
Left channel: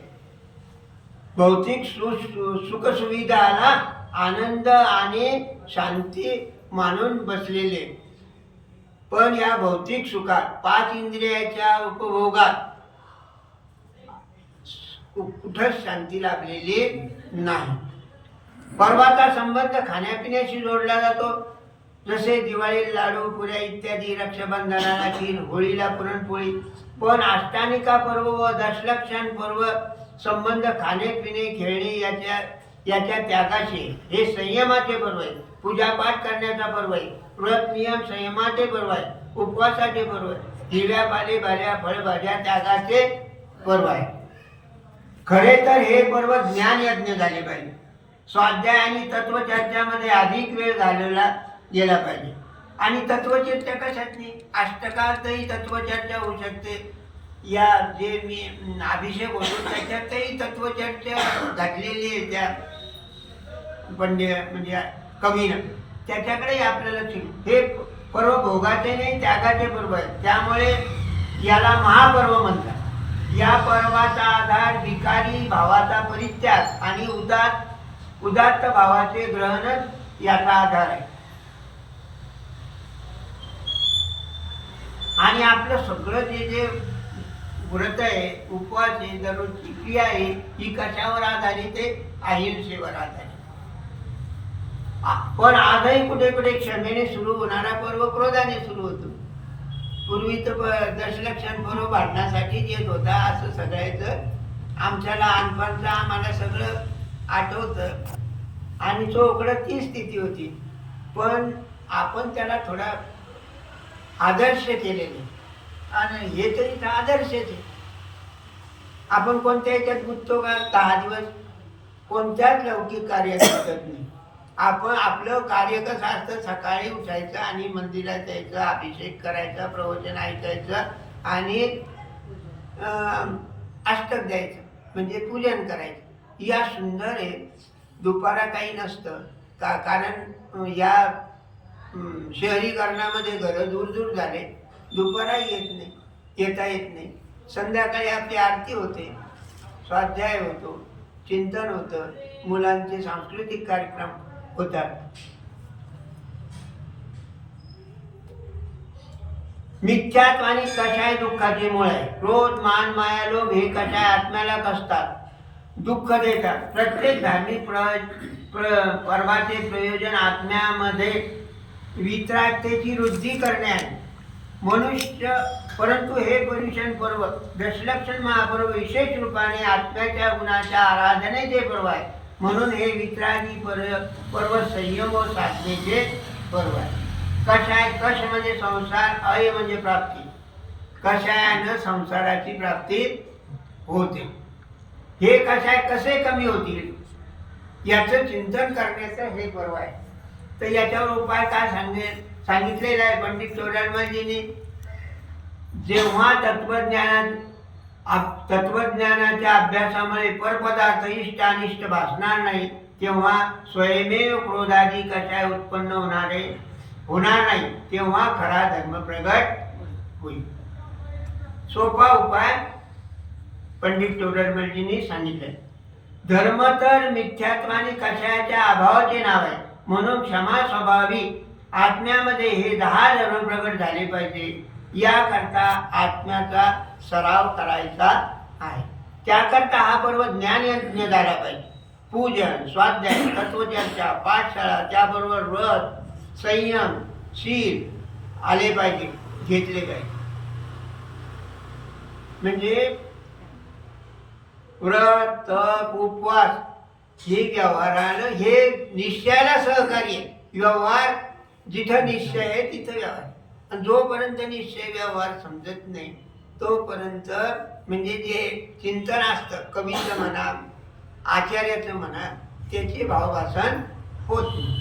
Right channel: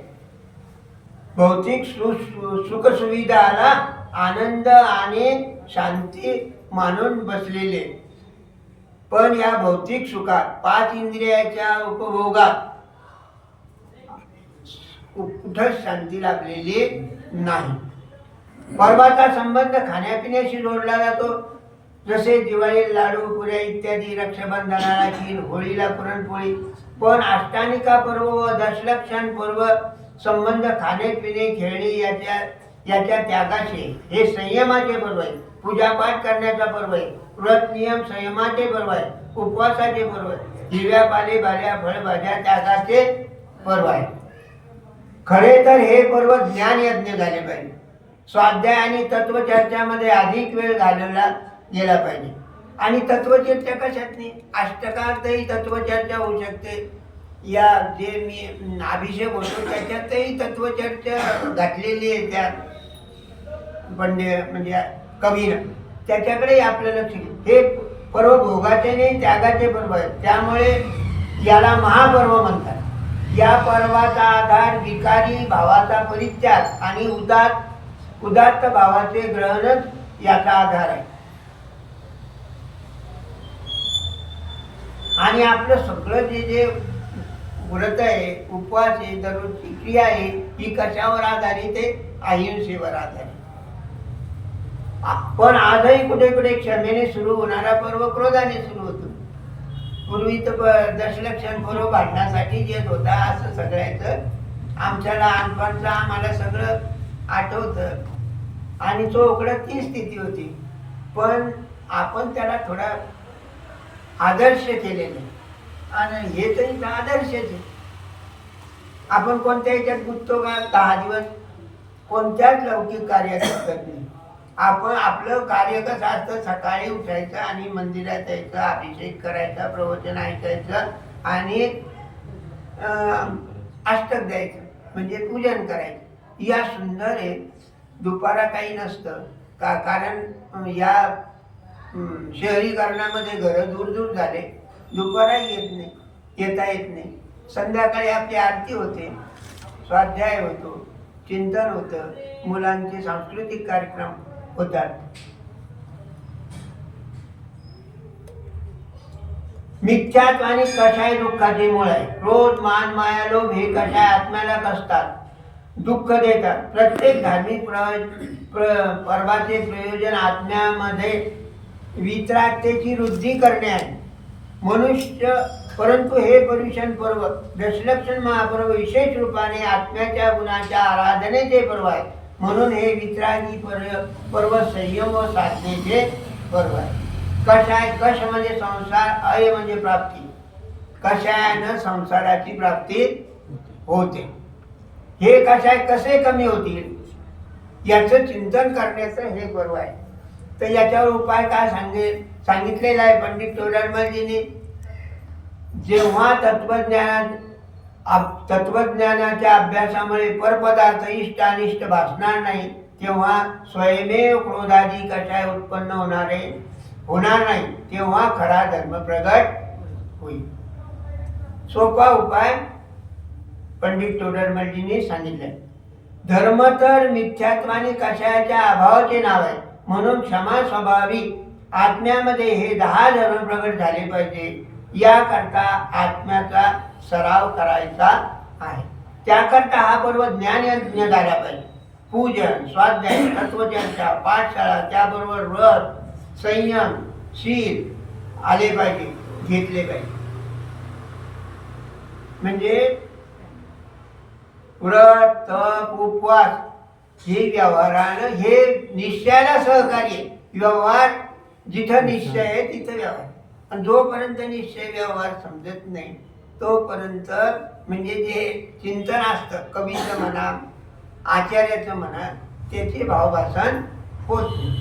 भौतिक सुख सुविधाला आनंद आणि शांती मानून बसलेले. पण या भौतिक सुखात 5 इंद्रियाच्या उपभोगात कुठंच शांती लाभलेली नाही. पर्वाचा संबंध खाण्यापिण्याशी जोडला जातो. जसे दिवाळी लाडू पुऱ्या इत्यादी, रक्षाबंधनाला खीर, होळीला पुरणपोळी. पण अष्टानिका पर्व व दशलक्षण पर्व संबंध खाणे पिणे खेळणे याच्या त्यागाचे. हे संयमाचे पर्व आहे. पूजापाठ करण्याचा पर्व आहे. व्रत नियम संयमाचे पर्व आहे. उपवासाचे पर्व आहे. हिरव्या पालेभाज्या फळभाज्या त्यागाचे पर्व आहे. खरे तर हे पर्व ज्ञान यज्ञ झाले पाहिजे. स्वाध्याय आणि तत्वचर्चामध्ये अधिक वेळ घालवला गेला पाहिजे. आणि तत्वचर्चा कशात नाही, अष्टकातही तत्वचर्चा होऊ शकते. या जे मी अभिषेक होतो त्याच्यातही तत्वचर्चा घातलेली आहे त्या म्हणजे कवीनं. त्याच्याकडे आपल्याला हे पर्व भोगाचे नाही त्यागाचे पर्व आहे. त्यामुळे याला महापर्व म्हणतात. या पर्वाचा आधार विकारी भावाचा परित्याग आणि उदात्त भावाचे ग्रहणच याचा आधार आहे. आणि आपलं सगळं जे व्रत आहे, उपवास आहे, दररोजची क्रिया आहे, ही कशावर आधारित आहे? अहिंसेवर आधारित. पण आजही कुठे कुठे क्षमेने सुरू होणारा पर्व क्रोधाने सुरू होतो. पूर्वी तर दशलक्षण पर्व भांडण्यासाठी येत होता असं सगळ्याचं आमच्या लहानपणचं आम्हाला सगळं आठवतं. आणि चोकडं ती स्थिती होती. पण आपण त्याला थोडा आदर्श केलेले. आणि हे तरी आदर्शच आहे. आपण कोणत्या ह्याच्यात गुंततो का? 10 दिवस कोणत्याच लौकिक कार्यात करत नाही. आपण आपलं कार्य कसं असतं, सकाळी उठायचं आणि मंदिरात यायचं, अभिषेक करायचा, प्रवचन ऐकायचं आणि अष्टक द्यायचं म्हणजे पूजन करायचं. या सुंदर आहे. दुपारा काही नसतं कारण या शहरीकरणामध्ये घरं दूर दूर झाले. दुपाराही येता येत नाही. संध्याकाळी आपली आरती होते, स्वाध्याय होतो, चिंतन होतं, मुलांचे सांस्कृतिक कार्यक्रम होतात. मिथ्यात्व आणि कषाय दुःखाचे मूळ आहे. क्रोध मान माया लोभ हे कषाय आत्म्याला कसतात, दुःख देतात. प्रत्येक धार्मिक पर्वाचे प्रयोजन आत्म्यामध्ये वितरागतेची वृद्धी करणे आहे. परंतु हे पर्युषण पर्व दशलक्षण महापर्व विशेष रूपाने आत्म्याच्या गुणाच्या आराधनेचे पर्व आहे. म्हणून हे वितरागी पर्व संयम व साधनेचे पर्व आहे. कषाय कष म्हणजे संसार, अय म्हणजे प्राप्ती. कषायानं संसाराची प्राप्ती होते. हे कषाय कसे कमी होतील याचं चिंतन करण्याचं हे पर्व आहे. तर याच्यावर उपाय काय सांगितलेला आहे पंडित तोडणमलजींनी. जेव्हा तत्वज्ञानाच्या अभ्यासामुळे परपदार्थ इष्ट अनिष्ट भासणार नाही तेव्हा स्वयमेव क्रोधादी कषाय उत्पन्न होणार नाही. तेव्हा खरा धर्म प्रगट होईल. सोपा उपाय पंडित तोडणमलजींनी सांगितलाय. धर्म तर मिथ्यात्व आणि कषायाच्या अभावाचे नाव आहे. म्हणून क्षमा स्वभावी आत्म्यामध्ये हे 10 जण प्रगट झाले पाहिजे. याकरता आत्म्याचा सराव करायचा आहे. त्याकरता हा पर्व ज्ञान यज्ञ झाला पाहिजे. पूजन, स्वाध्याय, तत्वचर्चा, पाठशाळा, त्याबरोबर व्रत, संयम, शील आले पाहिजे, घेतले पाहिजे. म्हणजे व्रत, तप, उपवास हे व्यवहारानं हे निश्चयाला सहकार्य आहे. व्यवहार जिथं निश्चय आहे तिथं व्यवहार. आणि जोपर्यंत निश्चय व्यवहार समजत नाही तोपर्यंत म्हणजे जे चिंतन असतं, कवीचं म्हणा, आचार्याचं म्हणा, त्याचे भावभासन होत नाही.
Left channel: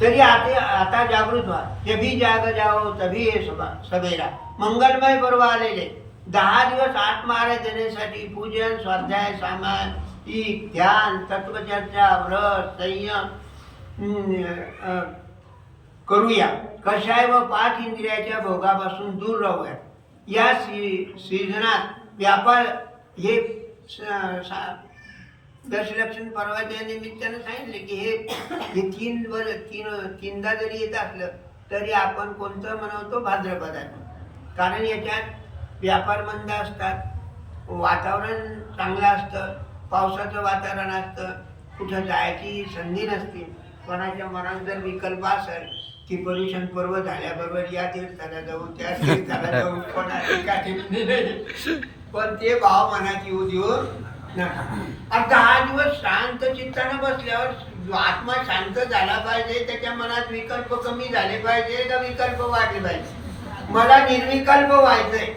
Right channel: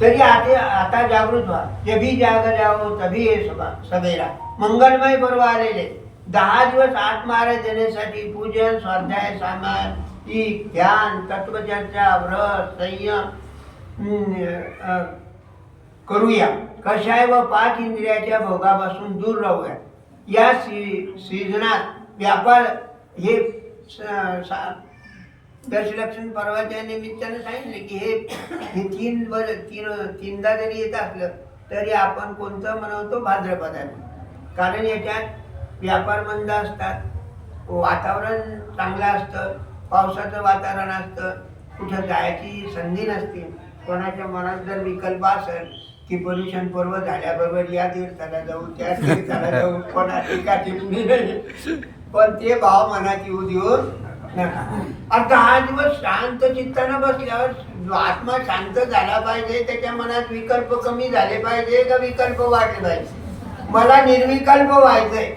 तरी आता जागृत व्हा. जभी जाग जाओ तभी हे सवेरा. मंगलमय पर्व आलेले 10 दिवस आत्महाराज देण्यासाठी पूजन, स्वाध्याय, सामायिक, ध्यान, तत्वचर्चा, व्रत, संयम करूया. कषाय व 5 इंद्रियाच्या भोगापासून दूर राहूया. या सीझनात व्यापार हे दशलक्षण पर्वाच्या निमित्ताने सांगितले की हे तीनदा जरी येत असलं तरी आपण कोणतं म्हणवतो भाद्रपदात. कारण याच्यात व्यापार मंद असतात, वातावरण चांगलं असतं, पावसाचं वातावरण असतं, कुठं जायची संधी नसते. कोणाच्या मनात जर विकल्प असेल की पर्युषण पर्व झाल्याबरोबर या तीर्थाला जाऊ, त्या तीर्थाला जाऊ, कोणाची का टिप्पणी नाही, पण ते भाव मनात येऊ देऊ नका. 10 दिवस शांत चित्तानं बसल्यावर आत्मा शांत झाला पाहिजे. त्याच्या मनात विकल्प कमी झाले पाहिजे का विकल्प वाढले पाहिजे. मला निर्विकल्प व्हायचंय,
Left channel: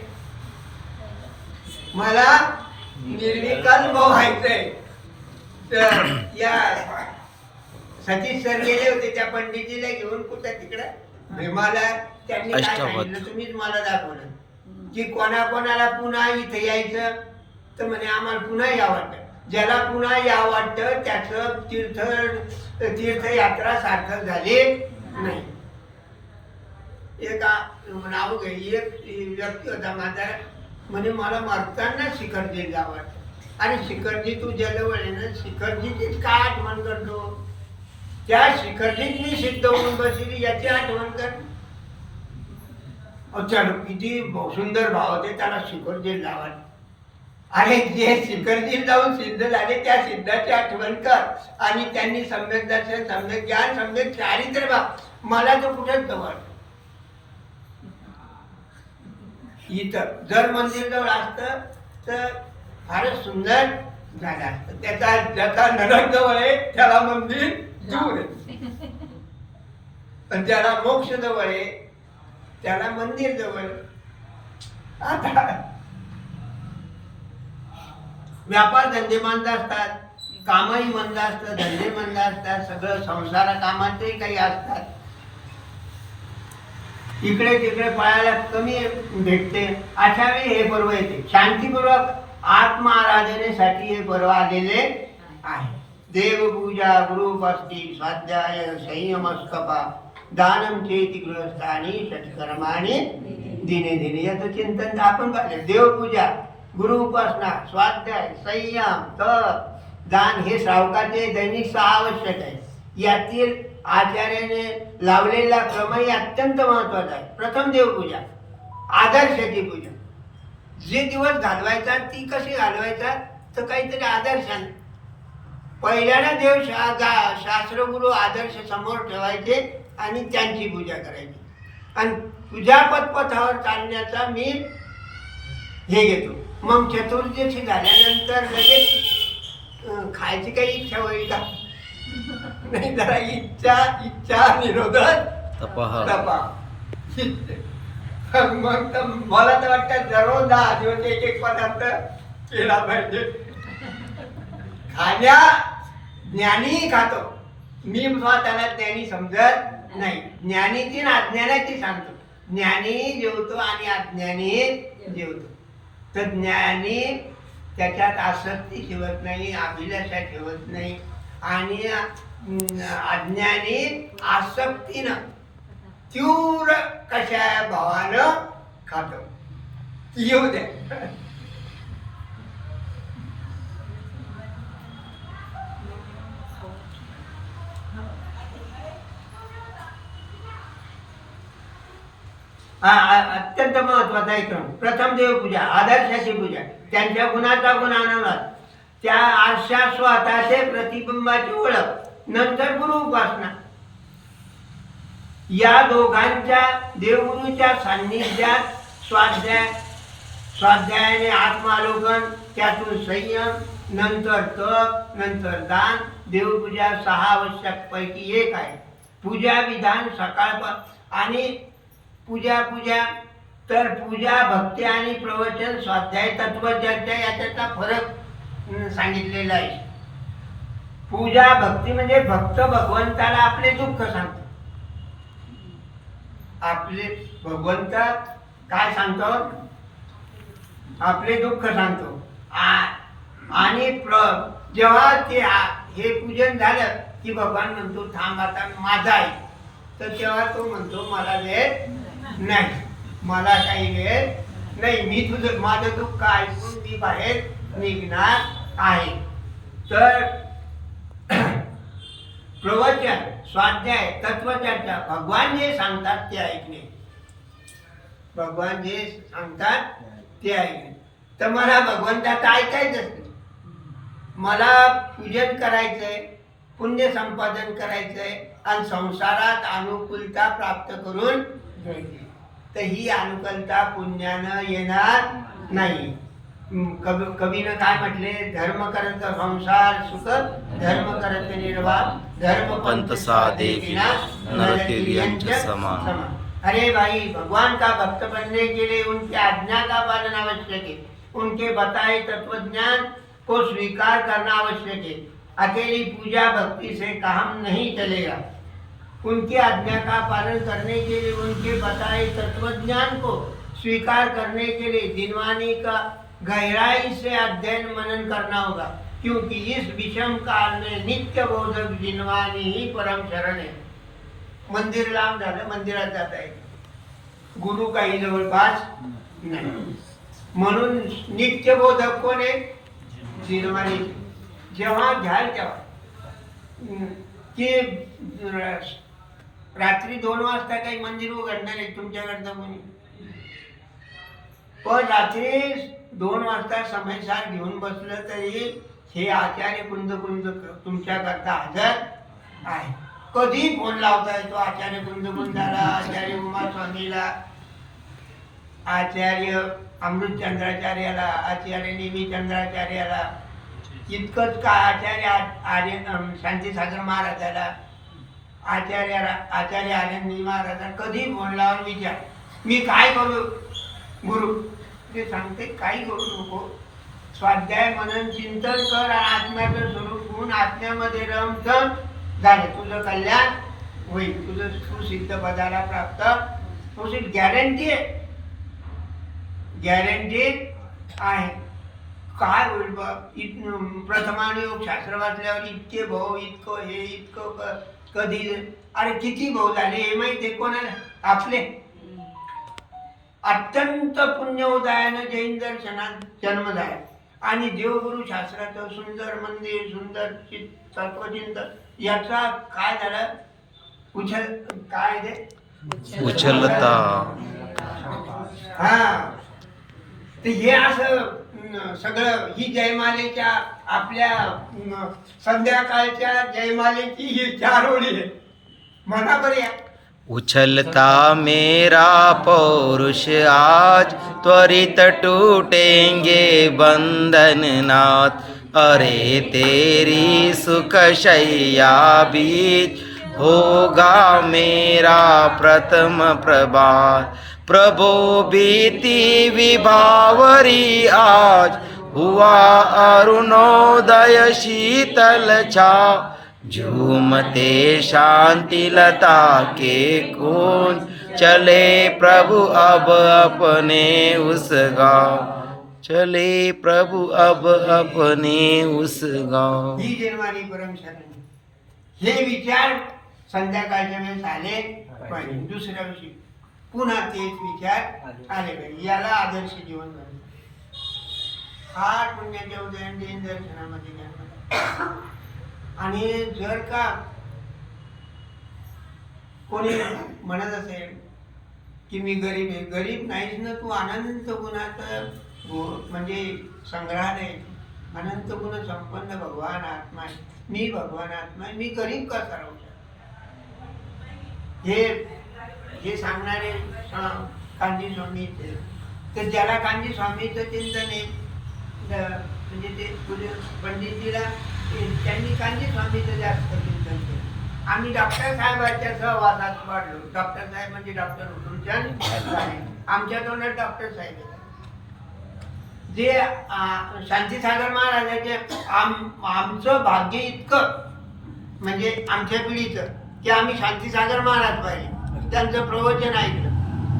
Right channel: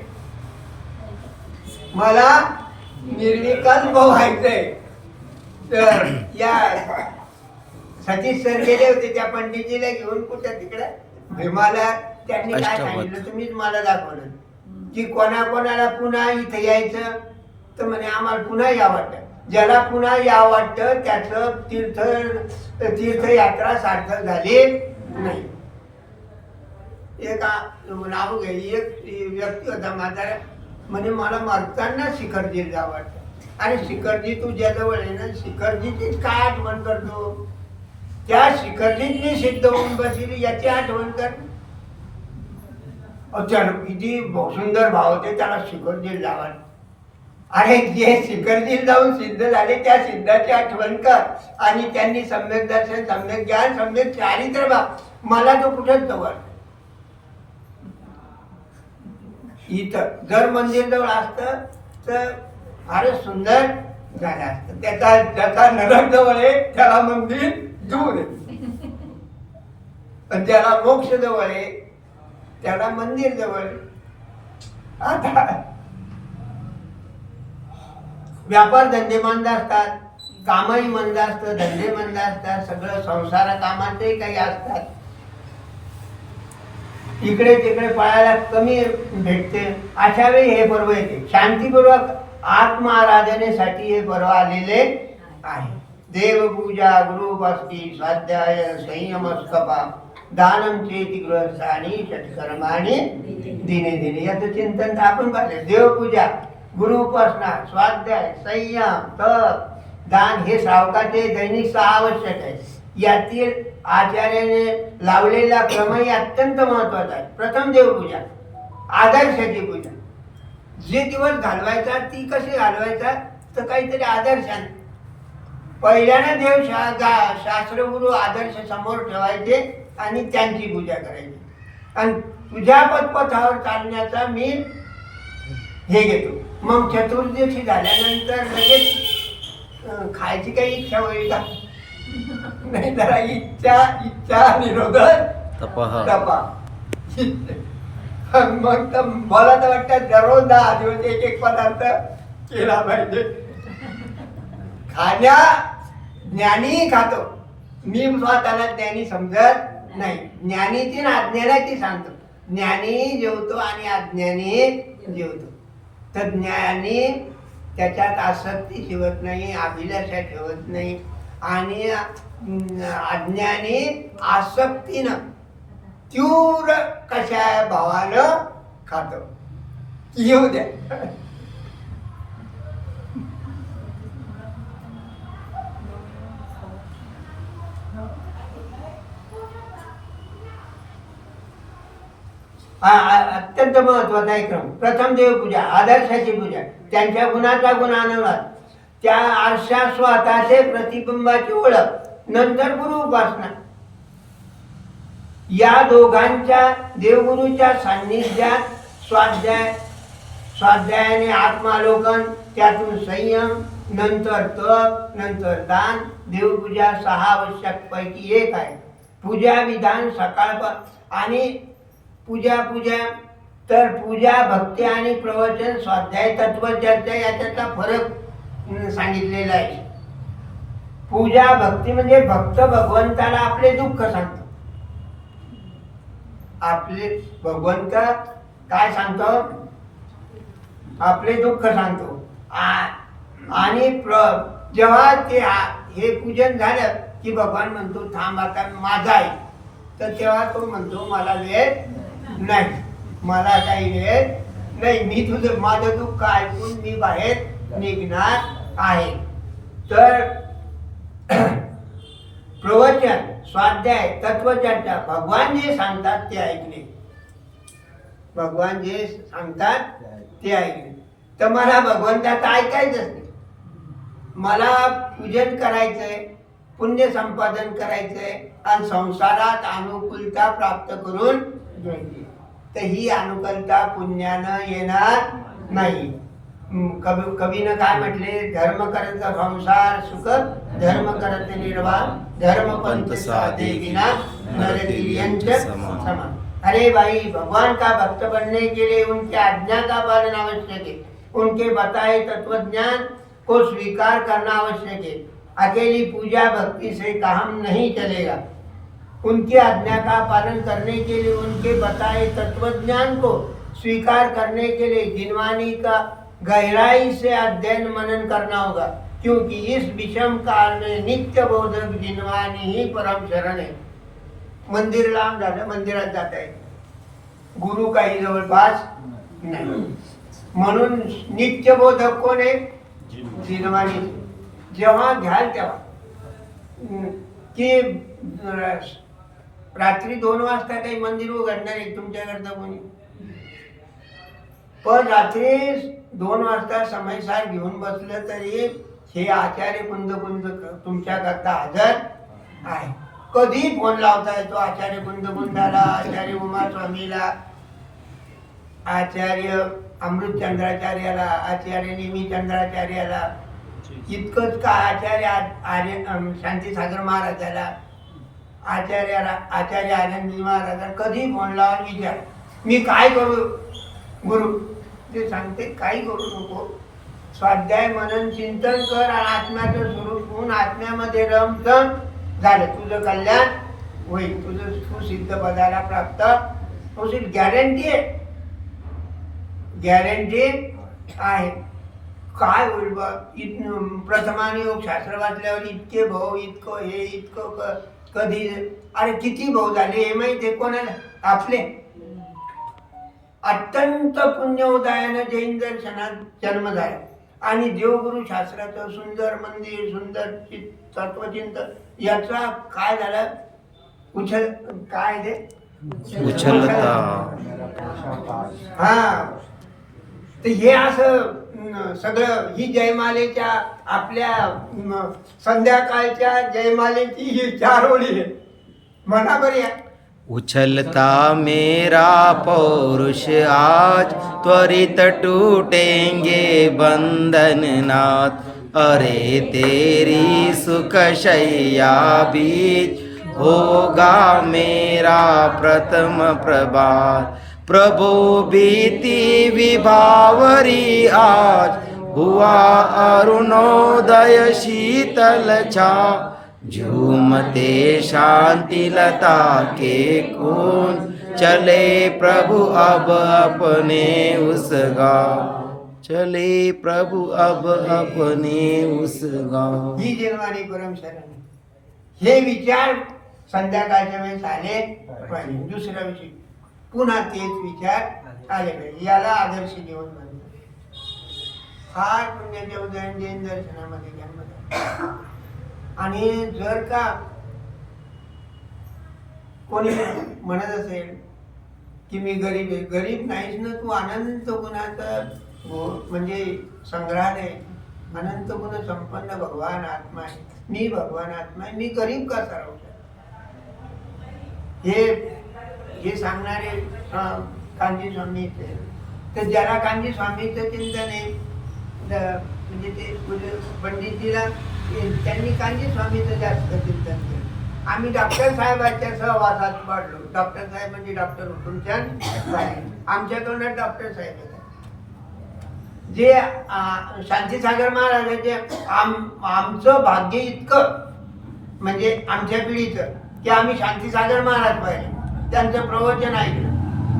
मला निर्विकल्प व्हायचंय. तर या सतीश सर गेले होते त्या पंडितजीला घेऊन कुठं तिकडे भीमाला. त्यांनी काय सांगितलं तुम्हीच मला दाखवलं की कोणाकोणाला पुन्हा इथे यायचं. तर म्हणे आम्हाला पुन्हा या वाटतं. ज्याला पुन्हा या वाटतं त्याचं तीर्थयात्रा सार्थक झाली नाही. एक नाव घे, एक व्यक्ती होता म्हातारा, म्हणजे मला मरताना शिखरजीला जावं वाटतं. आणि शिखरजी तुझ्या जवळ आहे ना, शिखरजीचीच काय आठवण करतो. त्या शिखरजीत मी सिद्ध होऊन बसली याची आठवण कर. किती सुंदर भाव होते त्याला शिखरजी जावा. अरे जे शिखरजी जाऊन सिद्ध झाले त्या सिद्धाची आठवण कर. आणि त्यांनी सम्यक दर्शन, सम्यक ज्ञान, सम्यक चारित्र्य बा मला तो कुठेच जवळ. इथं जर मंदिर जवळ असतं तर फारच सुंदर झालं असतं. ज्याचा नरक जवळ आहे त्याला मंदिर दूर आहे, पण ज्याला मोक्ष जवळ आहे त्याला मंदिर जवळ. आता व्यापार धंदे मंद असतात, कामही मंद असतं, धंदे मंद असतात, सगळं संसार कामातही काही असतात. इकडे तिकडे पळायला कमी भेटते. अशा वेळी हे पर्व येते. शांतीपूर्वक आत्मआराधनेसाठी हे पर्व आलेले आहे. देवपूजा, गुरुपस्ती, स्वाध्याय, संयम, स्तपा, दानम चेती गृहस्थानी, षटकर्माणी दिने दिने. याचं चिंतन आपण पाहिलं. देवपूजा, गुरुउपासना, स्वाध्याय, संयम, तप, दान हे श्रावकाचे दैनिक 6 आवश्यक आहे. यातील आचार्याने लावलेला क्रमही अत्यंत महत्वाचा आहे. प्रथम देवपूजा, आदर्शाची पूजा. जे दिवस घालवायचा ती कशी घालवायचा तर काहीतरी आदर्शाने. पहिल्याने देव शास्त्रगुरु आदर्श समोर ठेवायचे आणि त्यांची पूजा करायची. आणि तुझ्या पथपथावर चालण्याचा मी हे घेतो. मग चतुर्दशी झाल्यानंतर लगेच खायची काही इच्छा होईल का? नाही, जरा इच्छा निरोधक तपा. मग तर मला तर वाटतं दररोज 10 दिवस एक पदार्थ केला पाहिजे. खाण्या ज्ञानी खातो. मी स्वतःला ज्ञानी समजत नाही. ज्ञानीची ना अज्ञानाची सांगतो. ज्ञानी जेवतो आणि अज्ञानी जेवतो. तर ज्ञानी त्याच्यात आसक्ती ठेवत नाही, अभिलाषा ठेवत नाही. आणि अज्ञानी आसक्तीनं तीव्र कशा भावानं खातो. येऊ द्या. अत्यंत महत्वाचा एक क्रम. प्रथम देवपूजा, आदर्शाची पूजा, त्यांच्या गुणाचा गुण अनुवाद, त्या आरशा स्वतःचे प्रतिबिंबाची ओळख, नंतर गुरु उपासना. या दोघांच्या देवगुरूच्या सान्निध्यात स्वाध्यायाने आत्मालोकन, त्यातून संयम, नंतर तप, नंतर दान. देवपूजा 6 आवश्यक पैकी एक आहे. पूजा विधान सकाळ आणि पूजा तर पूजा, भक्ती आणि प्रवचन, स्वाध्याय, तत्वचर्चा याच्यातला फरक सांगितलेला आहे. पूजा भक्ती म्हणजे भक्त भगवंताला आपले दुःख सांगतो. आपले भगवंत काय सांगतो? आपले दुःख सांगतो. आणि जेव्हा ते हे पूजन झालं की भगवान म्हणतो थांब आता माझा आहे. तर तेव्हा तो म्हणतो मला वेळ नाही, मला काही वेळ नाही, मी तुझं माझं दुःख ऐकून मी बाहेर निघणार आहे. तर प्रवचन, स्वाध्याय, तत्वचर्चा, भगवान जे सांगतात ते ऐकणे. भगवान जे सांगतात ते ऐकणे. तर मला भगवंताचं ऐकायचंच नाही. मला पूजन करायचंय, पुण्य संपादन करायचंय आणि संसारात अनुकूलता प्राप्त करून घ्यायची. तर ही अनुकूलता पुण्यानं येणार नाही. कवीनं काय म्हटले? धर्म करत संसार सुख, धर्म करत निर्वाह, धर्म पंत साधे नरतेरियंच समान. अरे भाई, भगवान का भक्त बनने के लिए उनके आज्ञा का पालन आवश्यक है. उनके बताए तत्वज्ञान को स्वीकार करना आवश्यक है. अकेली पूजा भक्ति से काम नहीं चलेगा. उनकी आज्ञा का पालन करने के लिए उनके बताए तत्वज्ञान को स्वीकार करने के लिए जिनवानी का गहराई से अध्ययन मनन करना होगा. क्योंकि इस विषम काल में नित्य बोधक जिनवानी ही परम शरण है. मंदिर लांब झालं, मंदिरात जात आहे, गुरु काही जवळपास नाही. म्हणून नित्य बोधक कोण आहे? जिनवानी. जेव्हा घ्याल तेव्हा की रात्री 2 वाजता काही मंदिर उघडणार आहे तुमच्याकडचं कोणी? पण रात्री 2 वाजता समयसार घेऊन बसलं तरी हे आचार्य कुंद तुमच्याकरता हजर आहे. कधी फोन लावता येतो आचार्य कुंदाला, आचार्य उमा स्वामीला, आचार्य अमृतचंद्राचार्याला, आचार्य नेमीचंद्राचार्याला, इतकंच का आचार्य शांतीसागर महाराजाला, आचार्य आनंदी महाराजांना कधी फोन लावून विचार मी काय करू गुरु? ते सांगते काही करू नको. स्वाध्याय मनन चिंतन कर आणि आत्म्याचं स्वरूप होऊन आत्म्यामध्ये रमतं झालं, तुझं कल्याण होईल. तुझं तू सिद्ध पदाला प्राप्त होशील. गॅरंटी आहे, गॅरंटी आहे. काय होईल बा? प्रथमाने योग शास्त्र वाचल्यावर इतके भाऊ, इतकं हे, इतकं कधी, अरे किती भाऊ झाले हे माहिती आहे कोणाला? आपले. अत्यंत पुण्य उदयानं जैन दर्शनात जन्म झाला आणि देवगुरु शास्त्राचं सुंदर मंदिर, सुंदर तत्वचिंतन, याचा काय झालं? काय ते उचलता. हा, तर हे असं सगळं ही जयमालेच्या आपल्या संध्याकाळच्या जयमालेची ही 4 ओळी आहे. म्हणा बरी आहे. उछलता मेरा पौरुष आज, त्वरित टूटेंगे बंधन नाथ. अरे तेरी सुख शैया बीच होगा मेरा प्रथम प्रभात. प्रभो बीती विभावरी आज, हुआ अरुणोदय शीतल छाव. झूमते शांति लता के कुंज, चले प्रभु अब अपने उस गाँव. चले प्रभु अब अपने उस गाँव. ही जन्मानी परम शरण. हे विचार संध्याकाळच्या वेळेस आले पाहिजे. दुसऱ्या दिवशी पुन्हा तेच विचार आले पाहिजे. याला आदर्श जीवन म्हणतात. फार पुण्याचे उदाहरण जैन दर्शनामध्ये जन्म. आणि जर का कोणी म्हणत असेल की मी गरीब आहे. गरीब नाहीच ना तू, अनंत गुणाचा म्हणजे संग्रहालय आहे. अनंत गुण संपन्न भगवान आत्मा आहे. मी भगवान आत्मा आहे, मी गरीब कसा राहू शकतो? हे सांगणारे कांजी स्वामी ते. तर ज्याला कांजी स्वामीचं चिंतन आहे म्हणजे ते पंडितजीला त्यांनी कांजी स्वामीचं जास्त चिंतन केलं. आम्ही डॉक्टर साहेबांच्या सहवासात वाढलो. डॉक्टर साहेब म्हणजे डॉक्टर हुकुमचंद साहेब, आमच्या तोंडात डॉक्टर साहेब येतात. जे शांतीसागर महाराजांचे आमचं भाग्य इतकं म्हणजे आमच्या पिढीचं की आम्ही शांतीसागर महाराज पाहिले, त्यांचं प्रवचन ऐकलं.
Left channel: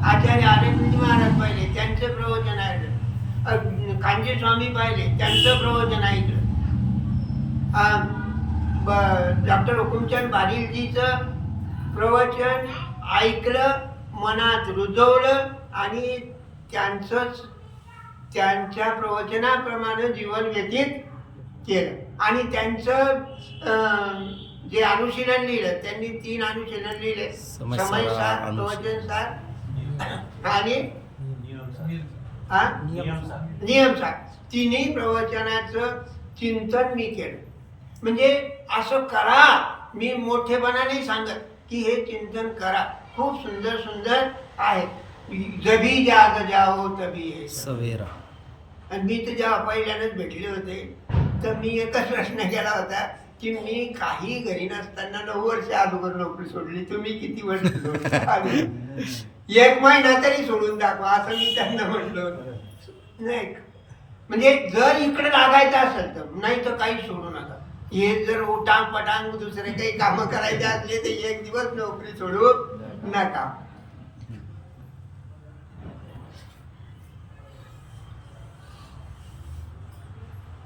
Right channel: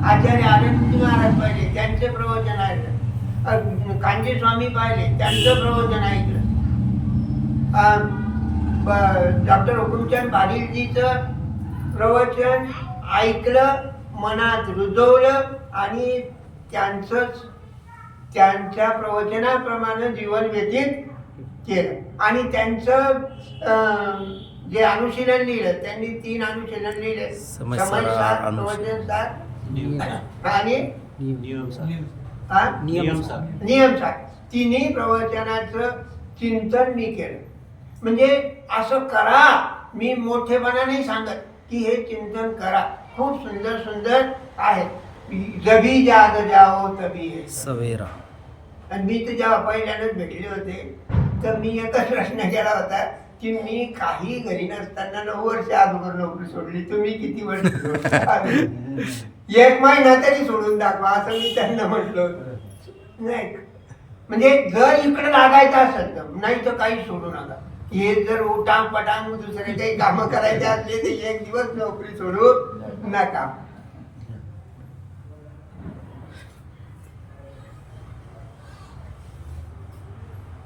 आचार्य आनंदजी महाराज पाहिले, त्यांचं प्रवचन ऐकलं. कांजी स्वामी पाहिले, त्यांचं प्रवचन ऐकलं. डॉक्टर हुकुमचंद बारिलजीचं प्रवचन ऐकलं, मनात रुजवलं आणि त्यांच्या प्रवचनाप्रमाणे जीवन व्यतीत केलं. आणि त्यांचं जे अनुशीलन लिहिलं, त्यांनी 3 अनुशीलन लिहिले, समयसार, प्रवचनसार आणि नियमसार. तिन्ही प्रवचनाचं चिंतन मी केलं. म्हणजे असं करा, मी मोठेपणा नाही सांगत की हे चिंतन करा. खूप सुंदर सुंदर आहे. जभी जाग जाओ तभी है सवेरा. आणि मी तर जेव्हा पहिल्यांदाच भेटले होते तर मी एकच प्रश्न केला होता की मी काही घरी नसताना 9 वर्ष अगोदर नोकरी सोडली, तुम्ही किती वर्ष? 1 महिना तरी सोडून दाखवा असं मी त्यांना म्हटलं होतं. नाही म्हणजे जर इकडे लागायचं असेल तर, नाही तर काही सोडू नका. हे जर उठांग पटांग दुसरे काही कामं करायचे असले तर 1 दिवस नोकरी सोडू नका.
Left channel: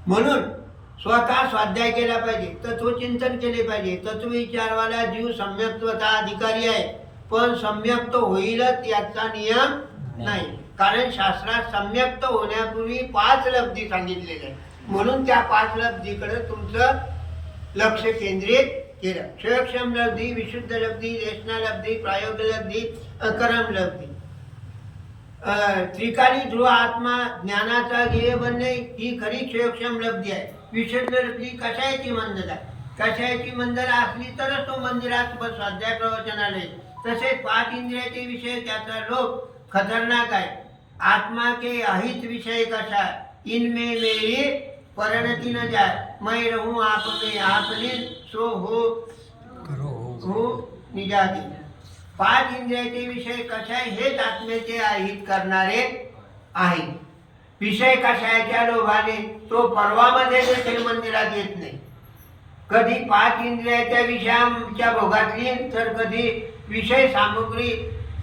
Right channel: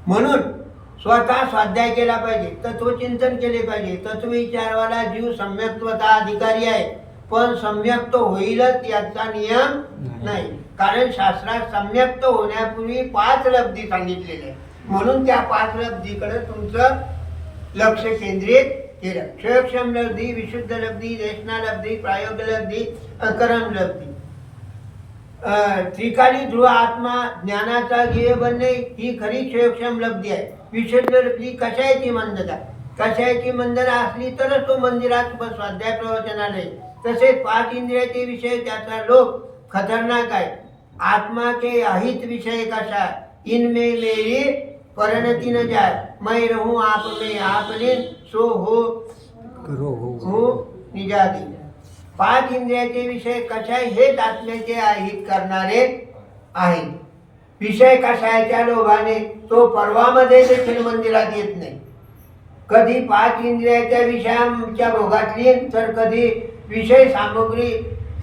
म्हणून स्वतः स्वाध्याय केला पाहिजे, तत्वचिंतन केले पाहिजे. तत्वविचारवाला जीव सम्यक्त्वता अधिकारी आहे, पण सम्यक्त होईलच याचा नियम नाही. कारण शास्त्रात सम्यक्त होण्यापूर्वी 5 लब्धी सांगितलेल्या आहे. म्हणून त्या 5 लब्धीकडे तुमचं लक्ष केंद्रित केलं. क्षयक्षम लब्धी, विशुद्ध लब्धी, देशना लब्धी, प्रायोग लब्धी, अकरम लब्धी. त्रिकाली ध्रुव आत्मा ज्ञानाचा ध्येय बनणे ही खरी क्षयक्षम लब्धी आहे. विशुद्ध लब्धी कशाची मंदता, कशाची मंदता असली तरच तो मंदिरात स्वाध्याय प्रवचनालय. तसेच 5 इंद्रियाचे विषय त्याचा लोभ खतरनाक आहे. आत्मा के अहित विषय कशा, इनमें मेरी परिणति न जाए. मैं रहूं आप में, आप लीन सो हो निजाती. 5 इंद्रियाचे विषय कशाय हेच आत्म्याचे अहित करणारे आहेत. विषय कशाच्या लोभाने तो पर्वामध्ये देखील मंदिरात येत नाही. कधी 5 इंद्रियाच्या विषयांच्या भोगातली तर कधी विषय सामग्री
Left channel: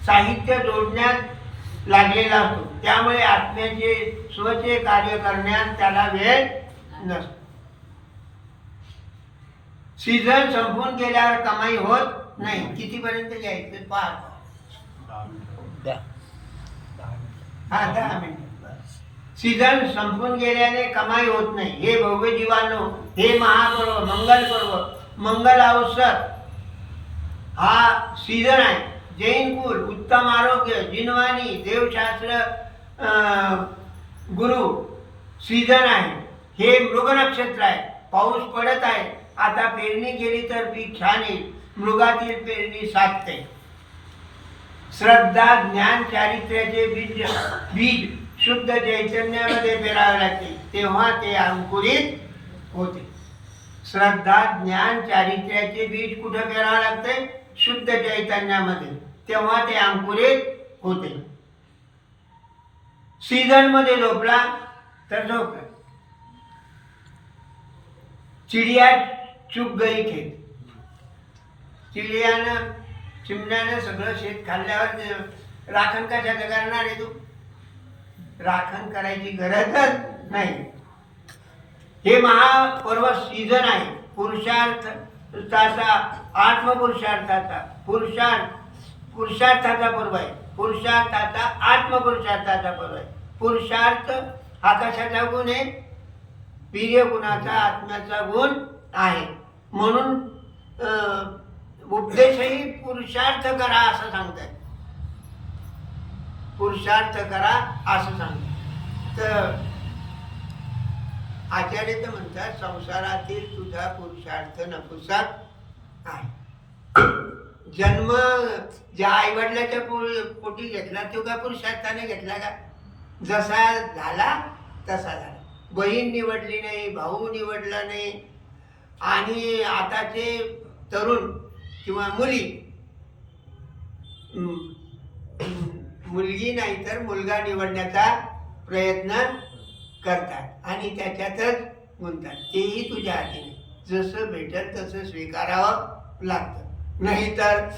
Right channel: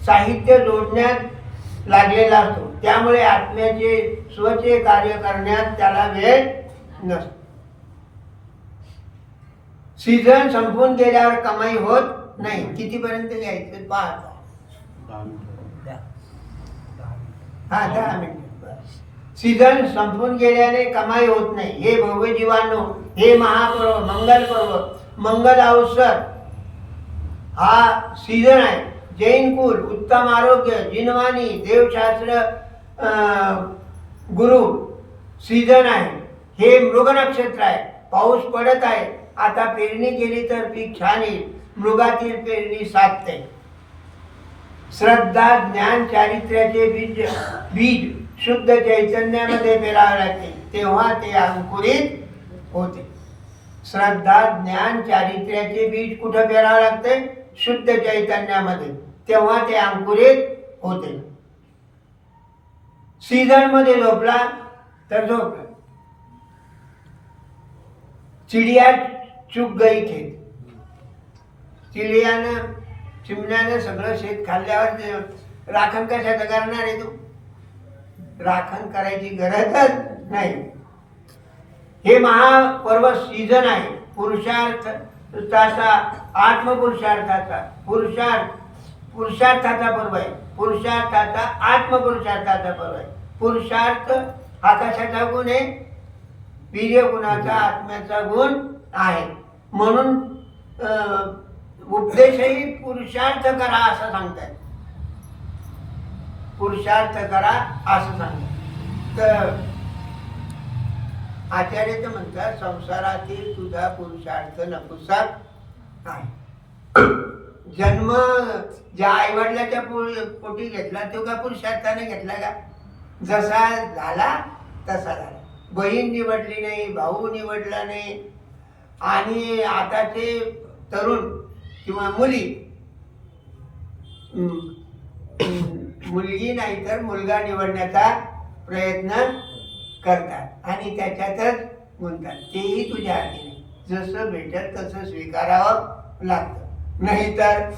साहित्य जोडण्यात लागलेला असतो. त्यामुळे आत्म्याचे स्वचे कार्य करण्यात त्याला वेळ नसतो. सीझन संपून गेल्यावर कमाई होत नाही. कितीपर्यंत घ्यायचं पहा. 10 मिनिट. सीझन संपून गेल्याने कमाई होत नाही. हे भव्य जीवानो, हे महापर्व, मंगल पर्व, मंगल अवसर हा सीझन आहे. जैन कुल, उत्तम आरोग्य, जिनवाणी, देवशास्त्र, गुरु सीझन आहे. हे मृग नक्षत्र आहे. पाऊस पडत आहे. आता पेरणी केली तर पीक छान येईल. मृगातील पेरणी साधते. श्रद्धा, ज्ञान, चारित्र्याचे बीज शुद्ध चैतन्यामध्ये पेरावे लागते, तेव्हा ते अंकुरित होते. श्रद्धा, ज्ञान, चारित्र्याचे बीज कुठे पेरावे लागते? शुद्ध चैतन्यामध्ये, तेव्हा ते अंकुरित होते. सीझन मध्ये झोपला तर झोपला. चिडिया चुक गई खेत. चिमण्यानं सगळं शेत खाल्ल्यावर राखण कशाचं करणार आहे? तू राखण करायची गरजच नाही. हे महापर्व सीझन आहे. पुरुषार्थाचा, आत्मपुरुषार्थाचा, पुरुषार्थाचा पर्व आहे. पुरुषार्थाचा, आत्मपुरुषार्थाचा पर्व आहे. पुरुषार्थ हा कशाचा गुण आहे? वीर्य गुणाचा, आत्म्याचा गुण आहे. म्हणून उपदेशही पुरुषार्थ करा असं सांगतात. पुरुषार्थ करा असं सांगतात. तर आचार्य तर म्हणतात संसारातील तुझा पुरुषार्थ नपुसक आहे. जन्म ज्या आईवडिलाच्या पोटी घेतला तो का पुरुषार्थाने घेतला का? जसा झाला तसा झाला. बहीण निवडली नाही, भाऊ निवडला नाही. आणि आताचे तरुण किंवा मुली मुलगी नाही तर मुलगा निवडण्याचा प्रयत्न करतात आणि त्याच्यातच गुंततात. तेही तुझ्या हाती नाही. जसं भेटल तसं स्वीकारावं लागतं. नाहीतर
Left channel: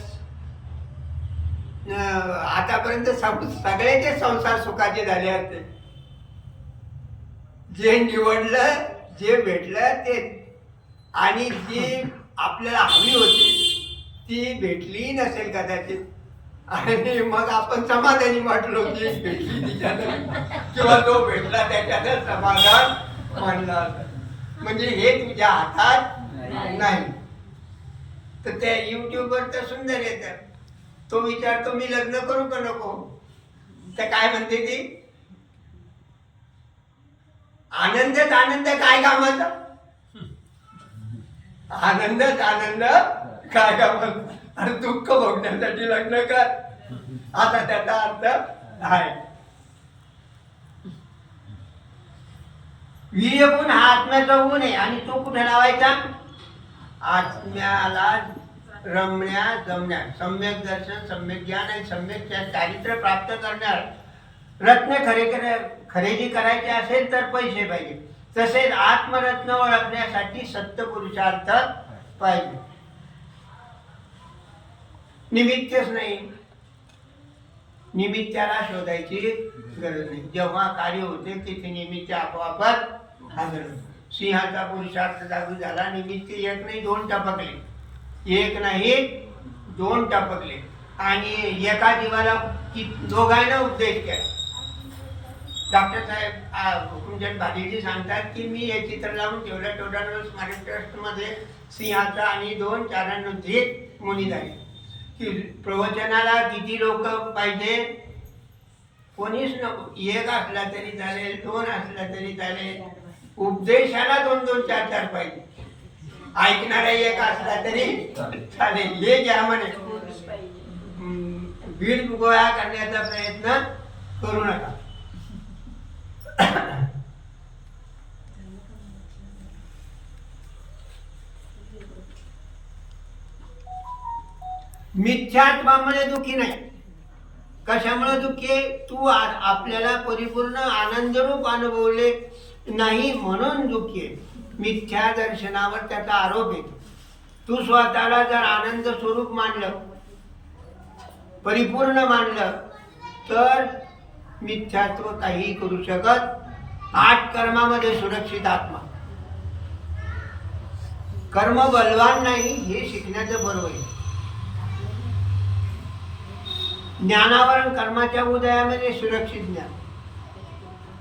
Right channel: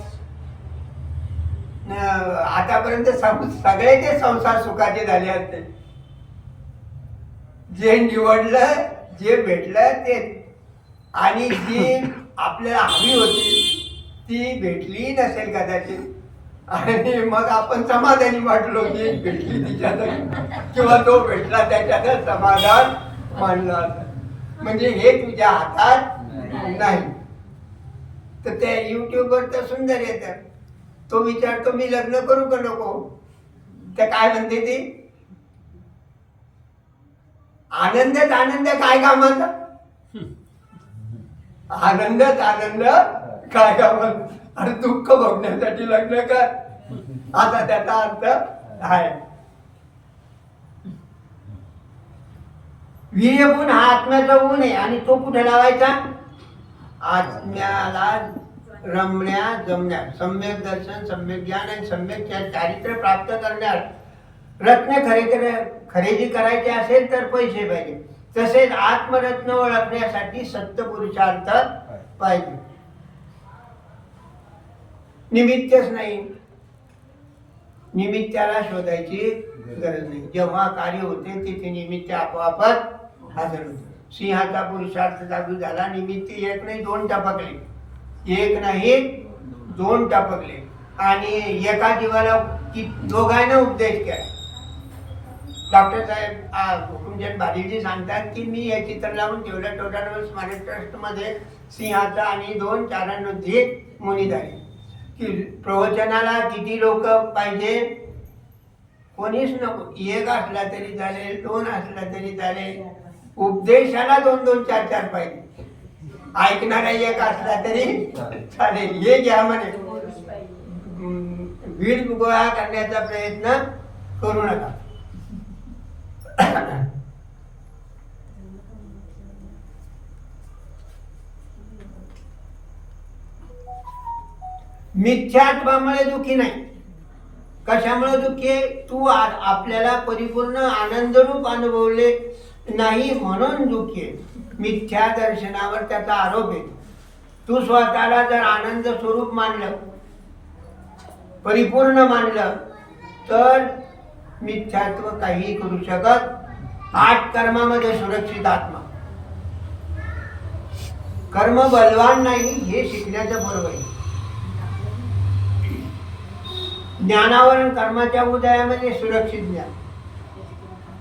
आतापर्यंत सगळे ते संसार सुखाचे झाले असते. जे निवडलं जे भेटलं ते, आणि जी आपल्याला हवी होती ती भेटली नसेल कदाचित, आणि मग आपण समाधानी वाटलो की भेटली तिच्यानं किंवा तो भेटला त्याच्यानं समाधान मानलं असं. म्हणजे हे तुझ्या हातात नाही. तर त्या युट्यूबवर तर सुंदर येतात. तो विचारतो मी लग्न करू का नको, तर काय म्हणते ती, आनंदच आनंद काय कामाचा, आनंदच आनंद काय कामाचा, आणि दुःख भोगण्यासाठी लग्न कर, असा त्याचा अर्थ आहे. वीर्य गुण हा आत्म्याचा गुण आहे आणि तो कुठे लावायचा? आत्म्याला रमण्या जमण्या, सम्यक दर्शन, सम्यक ज्ञान आणि सम्यक चारित्र्य प्राप्त करण्यास रत्न खरेदी करायचे असेल तर पैसे पाहिजे. तसेच आत्मरत्न ओळखण्यासाठी सत्य पुरुषार्थ पाहिजे. निमित्तच नाही, निमित्ताला शोधायची गरज नाही. जेव्हा कार्य होते तिथे निमित्त आपोआपच हजर होते. सिंहाचा पुरुषार्थ जादू झाला. निमित्त एक नाही दोन टपकले, एक नाही दोन टपकले, आणि एका जीवाला दोघांना उपदेश केला. डॉक्टर साहेब हुकुमचंद बारीजी सांगतात की मी हे चित्र लावून ठेवलं. टोटानवर स्मारक ट्रस्ट मध्ये सिंहाचा आणि दोन चारणवृद्धी मुनी झाले. की प्रवचनाला किती लोक पाहिजे? कोणीच नको. एक असला तरी चालेल, दोन असला तरी चालेल. उपदेशाला दोन दोन चार चार पाहिजे. ऐकणारा एक असला तरी चालेल. हे घ्या म्हणे. भीड गोळा करण्याचा प्रयत्न करू नका. मिथ्यात्वामुळे दुःखी नाही. कशामुळे दुःखी आहे? तू आपल्याला परिपूर्ण आनंदरूप अनुभवले नाही म्हणून दुःखी आहे. मिथ्या दर्शनावर त्याचा आरोप येतो. तू स्वतःला जर आनंद स्वरूप मानलं, परिपूर्ण मानलं, तर मिथ्यात्व काही करू शकत. 8 कर्मामध्ये सुरक्षित आत्मा. कर्म बलवान नाही हे शिकण्याचं बरोबर आहे. ज्ञानावर आणि कर्माच्या उदयामध्ये सुरक्षित ज्ञान.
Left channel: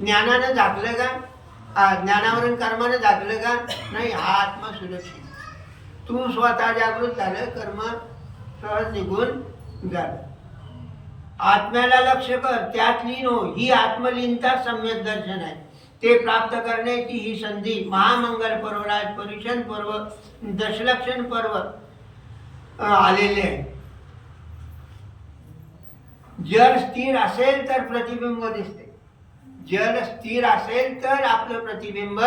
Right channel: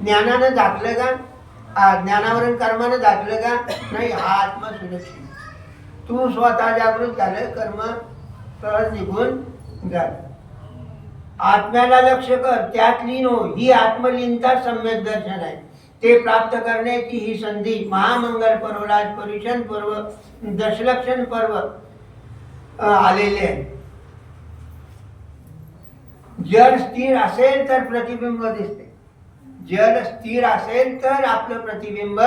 ज्ञानानं झाकलं का? ज्ञानावर आणि कर्मानं झाकलं का? नाही. हा आत्मा सुरक्षित. तू स्वतः जागृत झालं, कर्म सहज निघून झालं. आत्म्याला लक्ष कर, त्यात लीन हो. ही आत्मलीनता सम्यक दर्शन आहे. ते प्राप्त करण्याची ही संधी महामंगल पर्व, राजपरीक्षण पर्व, दशलक्षण पर्व आलेले आहे. जल स्थिर असेल तर प्रतिबिंब दिसते. जल स्थिर असेल तर आपलं प्रतिबिंब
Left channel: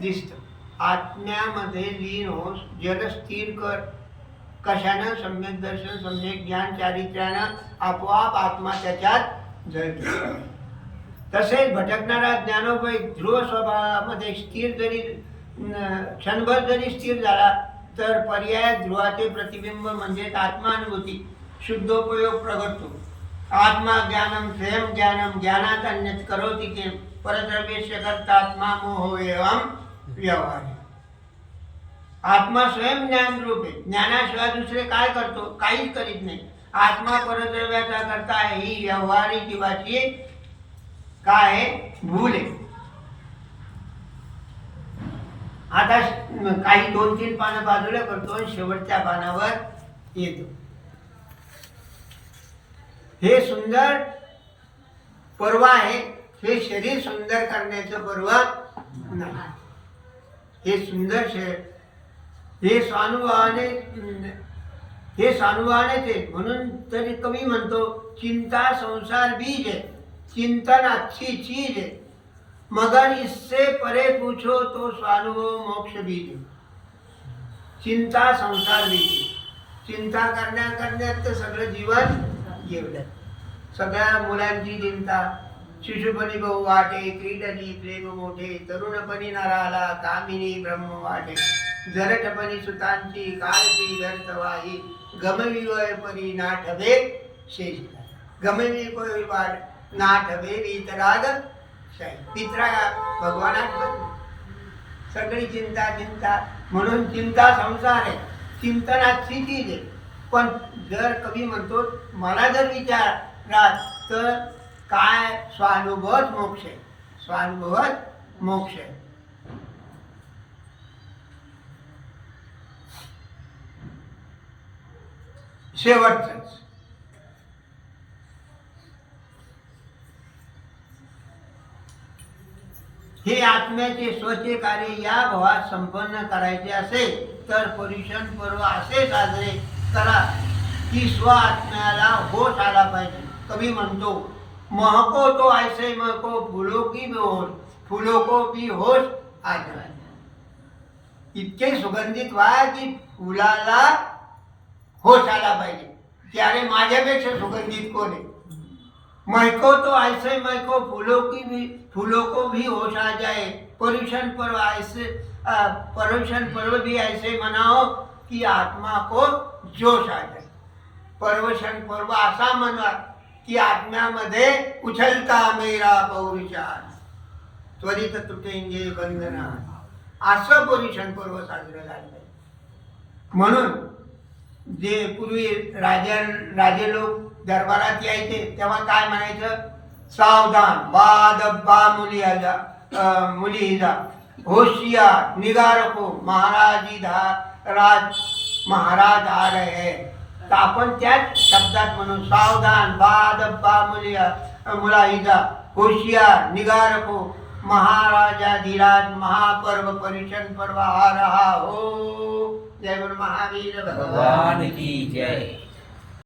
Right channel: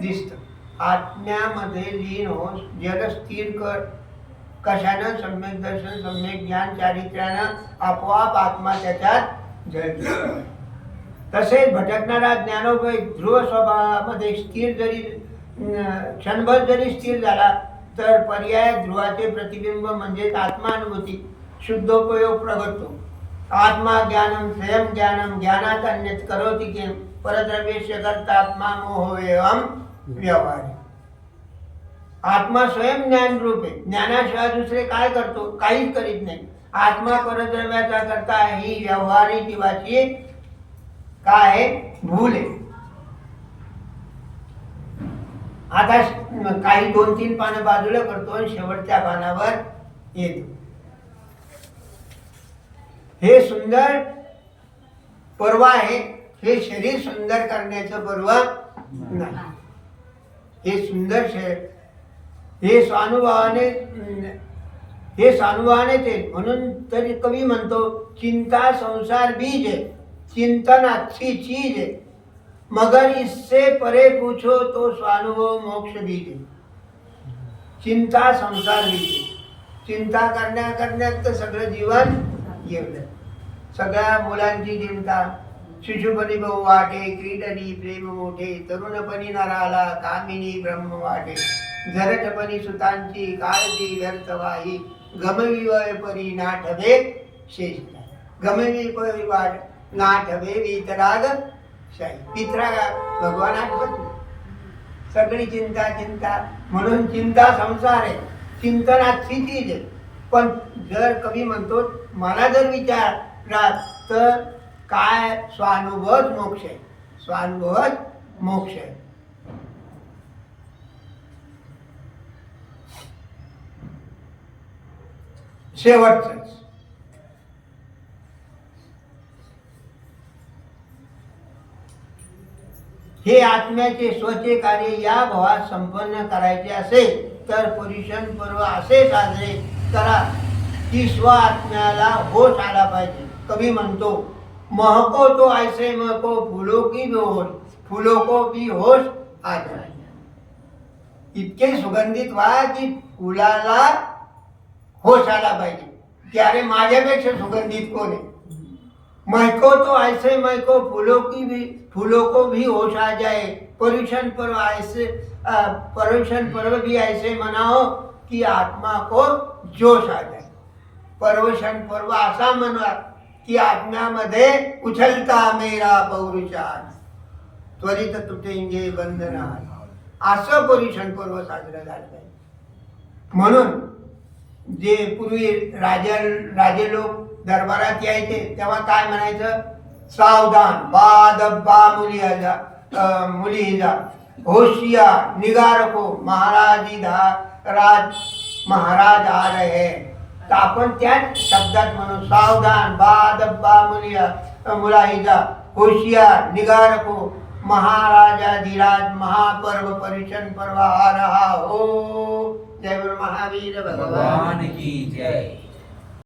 दिसतं. आत्म्यामध्ये लीन हो, जल स्थिर कर. कशानं? सम्यक दर्शन, सम्यक ज्ञान, चारित्र्यानं आपोआप आत्मा त्याच्यात जळतो. तसेच भटकणारा ज्ञानोबय ध्रुव स्वभावामध्ये स्थिर जरी क्षणभर जरी स्थिर झाला तर पर्याय ध्रुवाचे प्रतिबिंब म्हणजेच आत्मानुभूती शुद्धोपयोग प्रगटतो. आत्मा ज्ञानम स्वयं ज्ञानम ज्ञानात अन्यत करोति किम परद्रव्यस्य कर्तात्मा मोह एवं व्यवहार. आत्मा स्वयं ज्ञान रूप आहे. ज्ञानाशिवाय दुसरे काय करतो? काहीच करीत नाही. आत्मा परद्रव्याचा करता आहे. ही व्यवहारिक जीवाची काय आहे? भूल आहे. आता काही 2-3 पानं बाजूला करतो आणि शेवटच्या पानावर येतो. हे सुंदर पर्व आहे, हे शरीर सुंदर करण्याचं पर्व नाही. हे सुंदर हे स्वानुभवाने ते. म्हणून तरी कवी म्हणतो, चिंता संसार बीज है, चिंतन अच्छी चीज है, मगर इससे परे पूछो तो स्वानुभव मोक्ष बीज है. चिंता संसार बीज है. चिंता करण्यात तर सगळं जीवन गेलं. सगळ्या मुलांची चिंता. शिशुपणी बहु वाटे, क्रीडनी प्रेम मोठे, तरुणपणी नराला कामिनी ब्रह्म वाटे, जरटपणी सुतांची काळजी व्यर्थ वाही, गमविवय परी नाठवे शेष. गमविवय वाट नाठवे वीतराग शाही. पितराग भगवान आठवत नाही. सगळी चिंता. म्हणून चिंता संसार आहे, चिंतनाची चीज आहे. पण जर कवी म्हणतो, मला जर विचारात तर काय स्वानुभवच मोक्ष आहे. स्वानुभवच मोक्ष आहे. शेवटच हे आत्म्याचे स्वचे कार्य या भावात संपन्न करायचे असेल तर पर्युषण पर्व असे साजरे करा की स्व आत्म्याला होश आला पाहिजे. कवी म्हणतो, महको तो ऐसे महको, फुलो की बेहोश, फुलो को भी होश आ जाए. इतके सुगंधित व्हा की फुलाला होश आला पाहिजे. त्यारे माझ्यापेक्षा सुगंधित कोण आहे. महको तो ऐसे महको, फूलों को भी होश आ जाए. पर्युषण पर्व भी ऐसे मनाओ कि आत्मा को जोश आ जाए. पर्युषण पर्व असा म्हणा की आत्म्यामध्ये उछलता मेरा पौरुषात, त्वरित तुटेंगे बंधनात. असं पर्युषण पर्व साजरं झालं पाहिजे. म्हणून जे पूर्वी राजे लोक दरबारात यायचे तेव्हा काय म्हणायचं, सावधान बा दब्बा मुली जा, होशियार निगाह रखो, महाराज आ रहे हैं. तर आपण त्याच शब्दात म्हणून, सावधान बा दब्बा मुलाहिजा, होशियार निगाह रखो, महाराजाधिराज महापर्व पर्युषण पर्व आ रहा हो. जय बोल महावीर भगवान की जय.